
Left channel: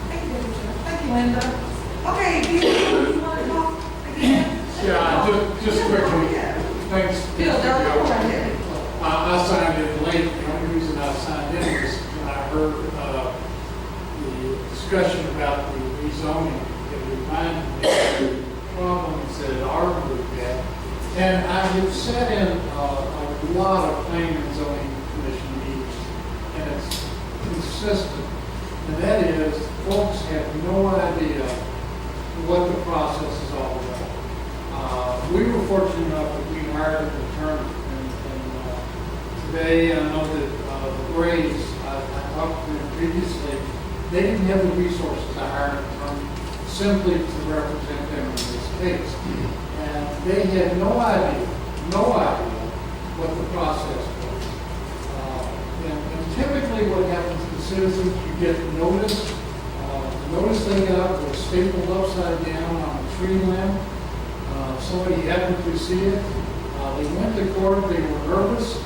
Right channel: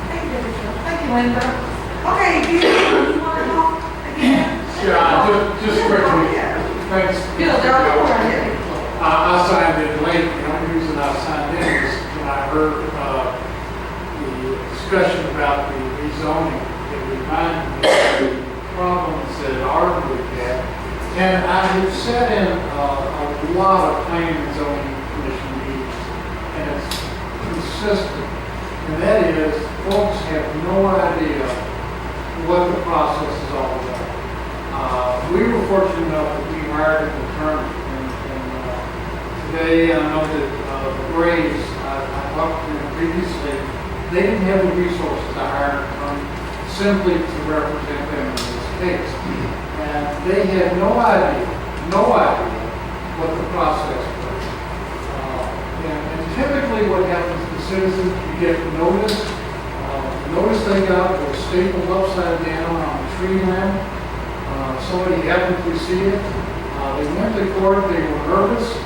Thank you, Deborah. Thank you, Linda. Okay, you want to talk again? Yeah, just quickly, Yeah. thanks. Bill, go ahead. I signed in late, the only reason I signed in was when I heard the discussion about the rezoning. It reminded me of the problems that Arden had. And I have sat in a lot of planning and zoning commission meetings, and it's consistent. And that is, folks have no idea what the process is all about. We were fortunate enough that we hired an attorney, and today I know that the Braves, I talked to them previously, they didn't have the resources to hire an attorney simply to represent them in this case. And they had no idea what the process was. And typically what happens to citizens, you get notice. Notice they got was stapled upside down on a tree limb. Somebody happened to see it. They went to court, they were nervous,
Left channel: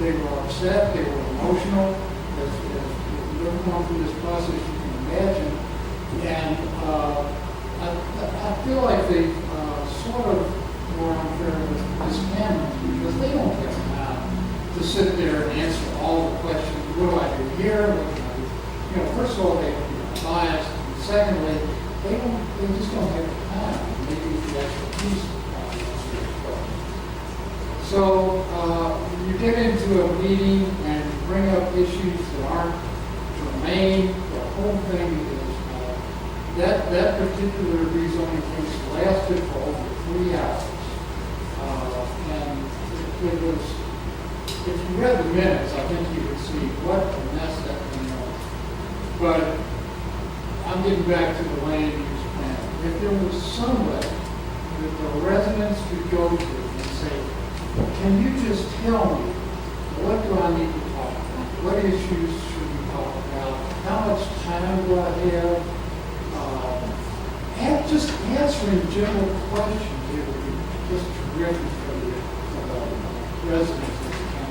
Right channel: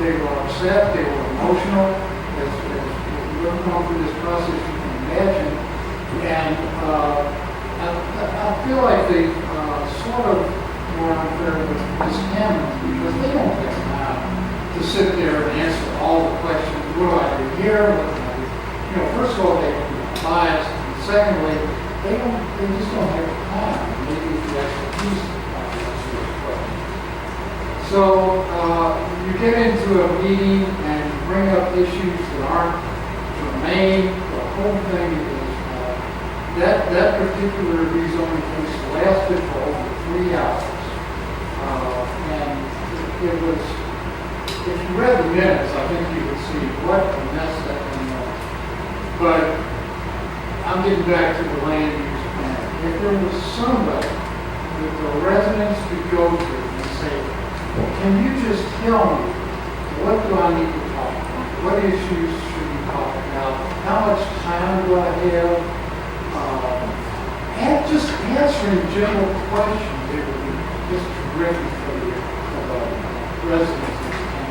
they were upset, they were emotional. As you've gone through this process, you can imagine. And I feel like they sort of were unfair with Ms. Hammond because they don't have time to sit there and answer all the questions. What do I do here? What do I do? You know, first of all, they are biased. And secondly, they just don't have the time. Maybe the expertise to answer these questions. So you get into a meeting and you bring up issues that aren't germane. The whole thing is that particular rezoning case lasted for over 3 hours. And it was, if you read the minutes, I think you would see what a mess that thing was. But I'm getting back to the land use plan. If there was somebody that the residents could go to and say, can you just tell me, what do I need to talk about? What issues should we talk about? How much time do I have? And just answering general questions, it would be just terrific for the residents of the town.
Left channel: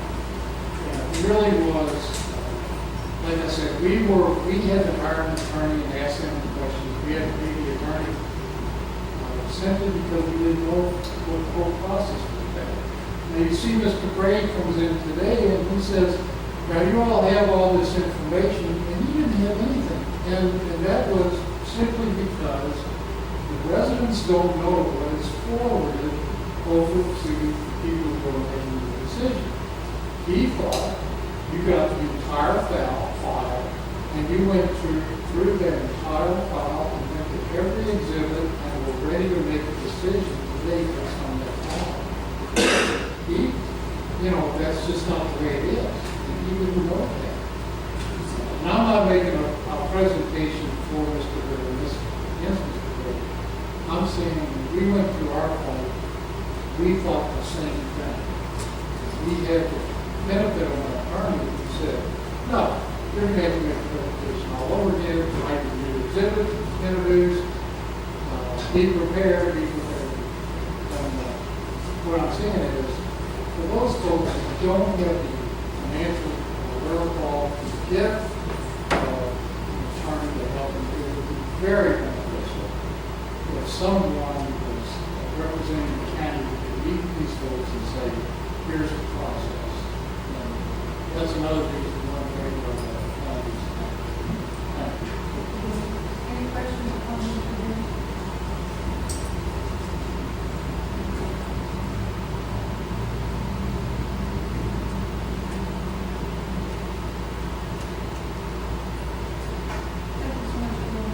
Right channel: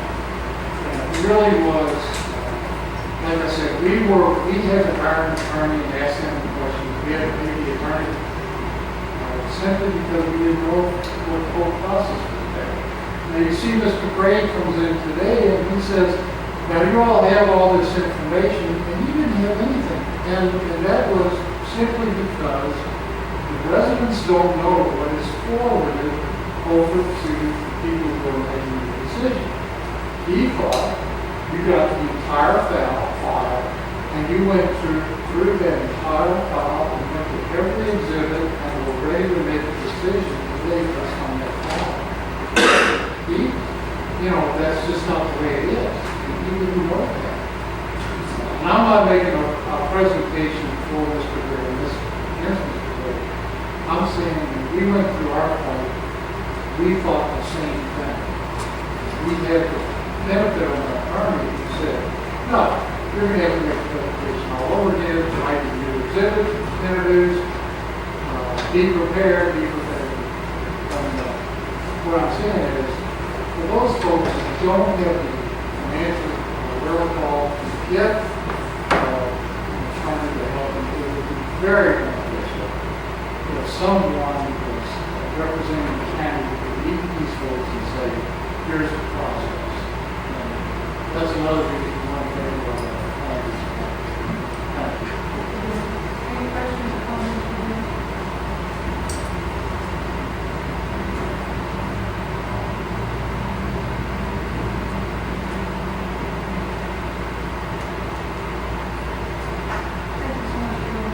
And it really was, like I said, we had to hire an attorney and ask them questions. We had to pay the attorney simply because we didn't know what the whole process was about. Now you see Mr. Gray comes in today and he says, now you all have all this information and you didn't have anything. And that was simply because the residents don't know what is forwarded over to the people who are making the decision. He thought you got the entire file and you went through that entire file and went to every exhibit and were ready to make a decision today based on that file. That's just not the way it is. He didn't work that. And I'm not making a presentation for Mr. Gray, this against Mr. Gray. I'm saying when we went through our fight, we thought the same thing. We had the benefit of an attorney who said, no, you're going to have to make a presentation all over again, write a new exhibit, introduce, be prepared. And what I'm saying is, for those folks who don't have the financial wherewithal to get an attorney to help them, it would be very beneficial if someone was representing the county could read these votes and say, here's the process. And that's another reason why I'm very well Thank you. Any questions or comments from you? Thank you so much, Julie.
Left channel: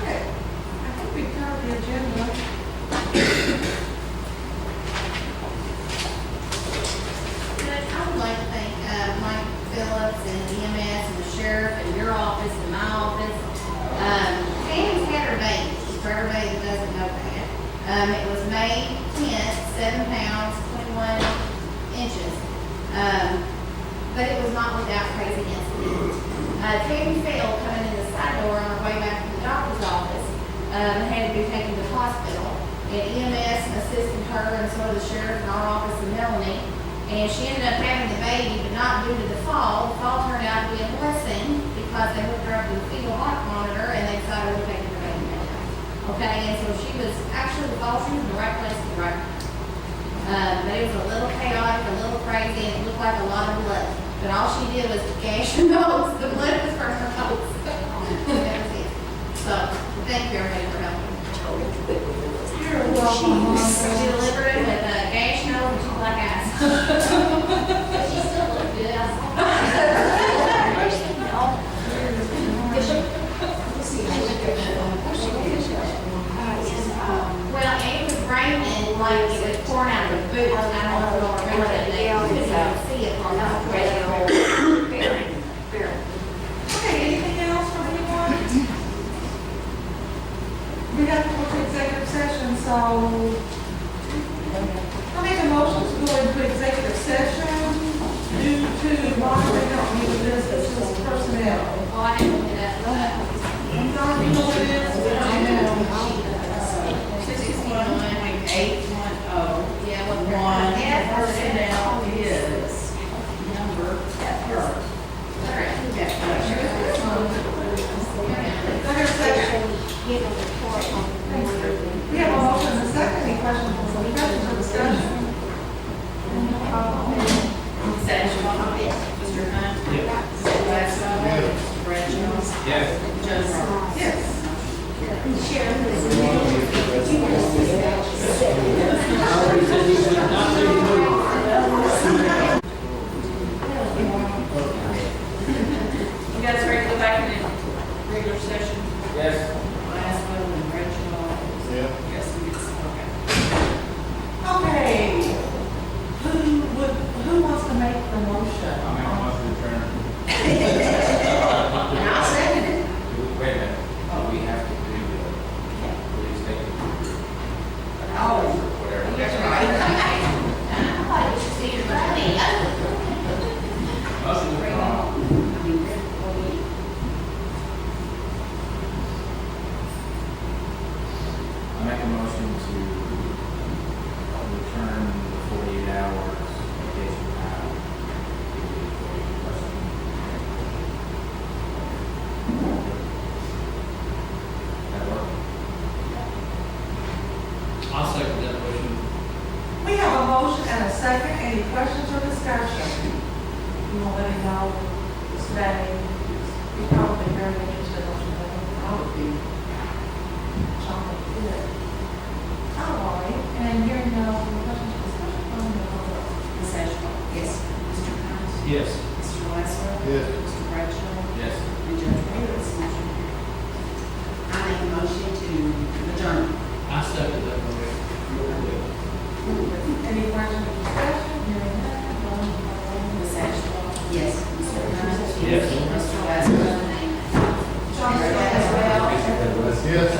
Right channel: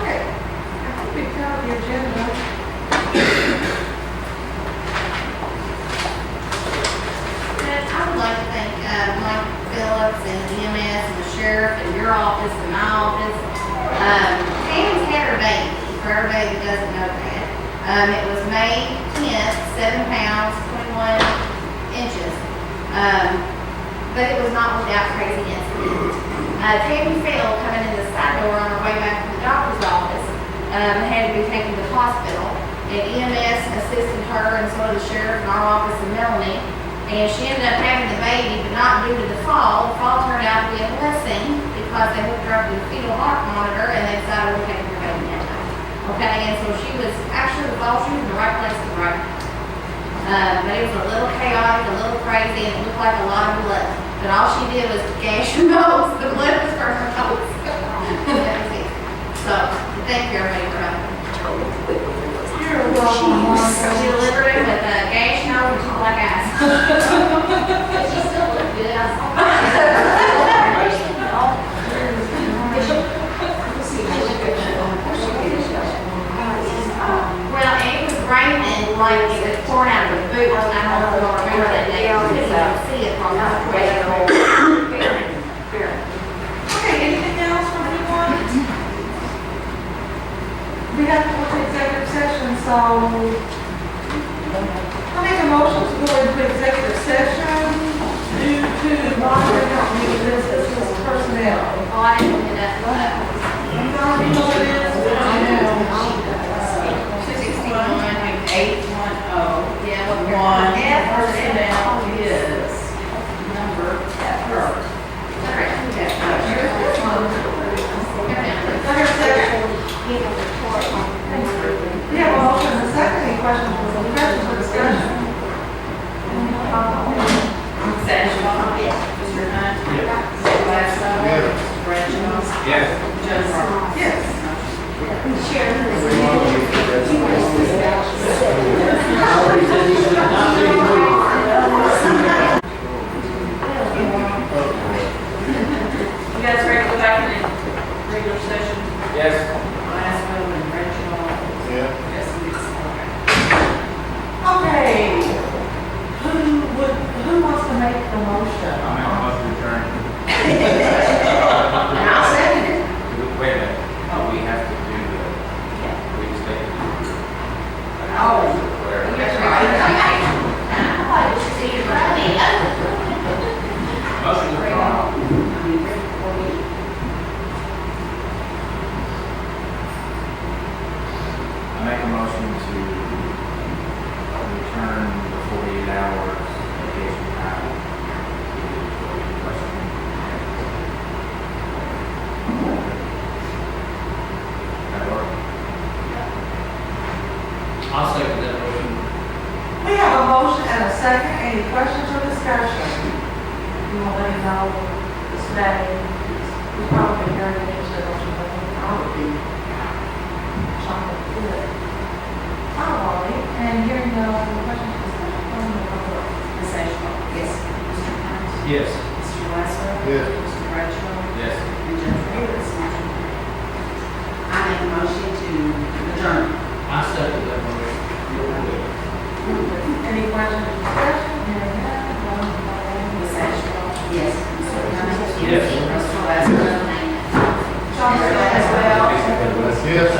Okay, I think we've covered the agenda. I would like to thank Mike Phillips and EMS and the sheriff and your office and my office. Tammy's had her baby, for everybody that doesn't know that. It was May 10th, 7 pounds, 21 inches. But it was not without crazy incident. Tammy fell coming in the side door on her way back from the doctor's office. Had to be taken to the hospital. And EMS assisted her and so did the sheriff in our office and Melanie. And she ended up having the baby, but not due to the fall. The fall turned out to be a blessing because they hooked her up to the fetal heart monitor and they decided we're taking her baby now. Okay, and so she was actually the fall, she was in the right place at the right time. But it was a little chaotic, a little crazy, and it looked like a lot of blood. But all she did was gash her nose. The blood was from her nose. That was it. So, thank you everybody for helping. You're welcome. She delivered it with a gash nose and two black eyes. But she still looked good. I saw Well, and it was raining like it was pouring out of the boots. I don't know if you remember that day. You couldn't even see it from the way. Okay, anything else from anyone? We have to go to executive session, so I'll make a motion to go into executive session due to monitoring company business personnel. Oh, I didn't look it up. You already know what it is? I know. 810. Yeah, what One, Yeah, personnel is number F. Executive session. We have a motion and a second. Any questions or discussion? Satchel. Mr. Hunt. Mr. Glasgow. Mr. Bradshaw. Yes. Jones. Yes. You guys ready to go back in the regular session? Yes. Glasgow and Bradshaw. Yeah. Yes, Okay. Who wants to make the motion? I'm in a motion to adjourn. And I'll second it. Wait a minute. We have to do the, we just take it. Oh. Whatever. That's right. Motion to withdraw. I make a motion to return the 48 hours vacation time to the employee question. That work? I'll second that motion. We have a motion and a second. Any questions or discussion? You want to let me know this day? You're probably very interested in what I would be. Chocolate good. All right, and hearing no questions or discussion from the public. Ms. Ashcraft? Yes. Mr. Hunt? Yes. Mr. Glasgow? Yes. Mr. Bradshaw? Yes. And Judge Davis? Motion carried. I make a motion to adjourn. I second that motion. Any questions or discussion? Hearing none, all in favor? Ms. Ashcraft? Yes. Mr. Hunt? Yes. Mr. Glasgow? Chocolate as well. Yes.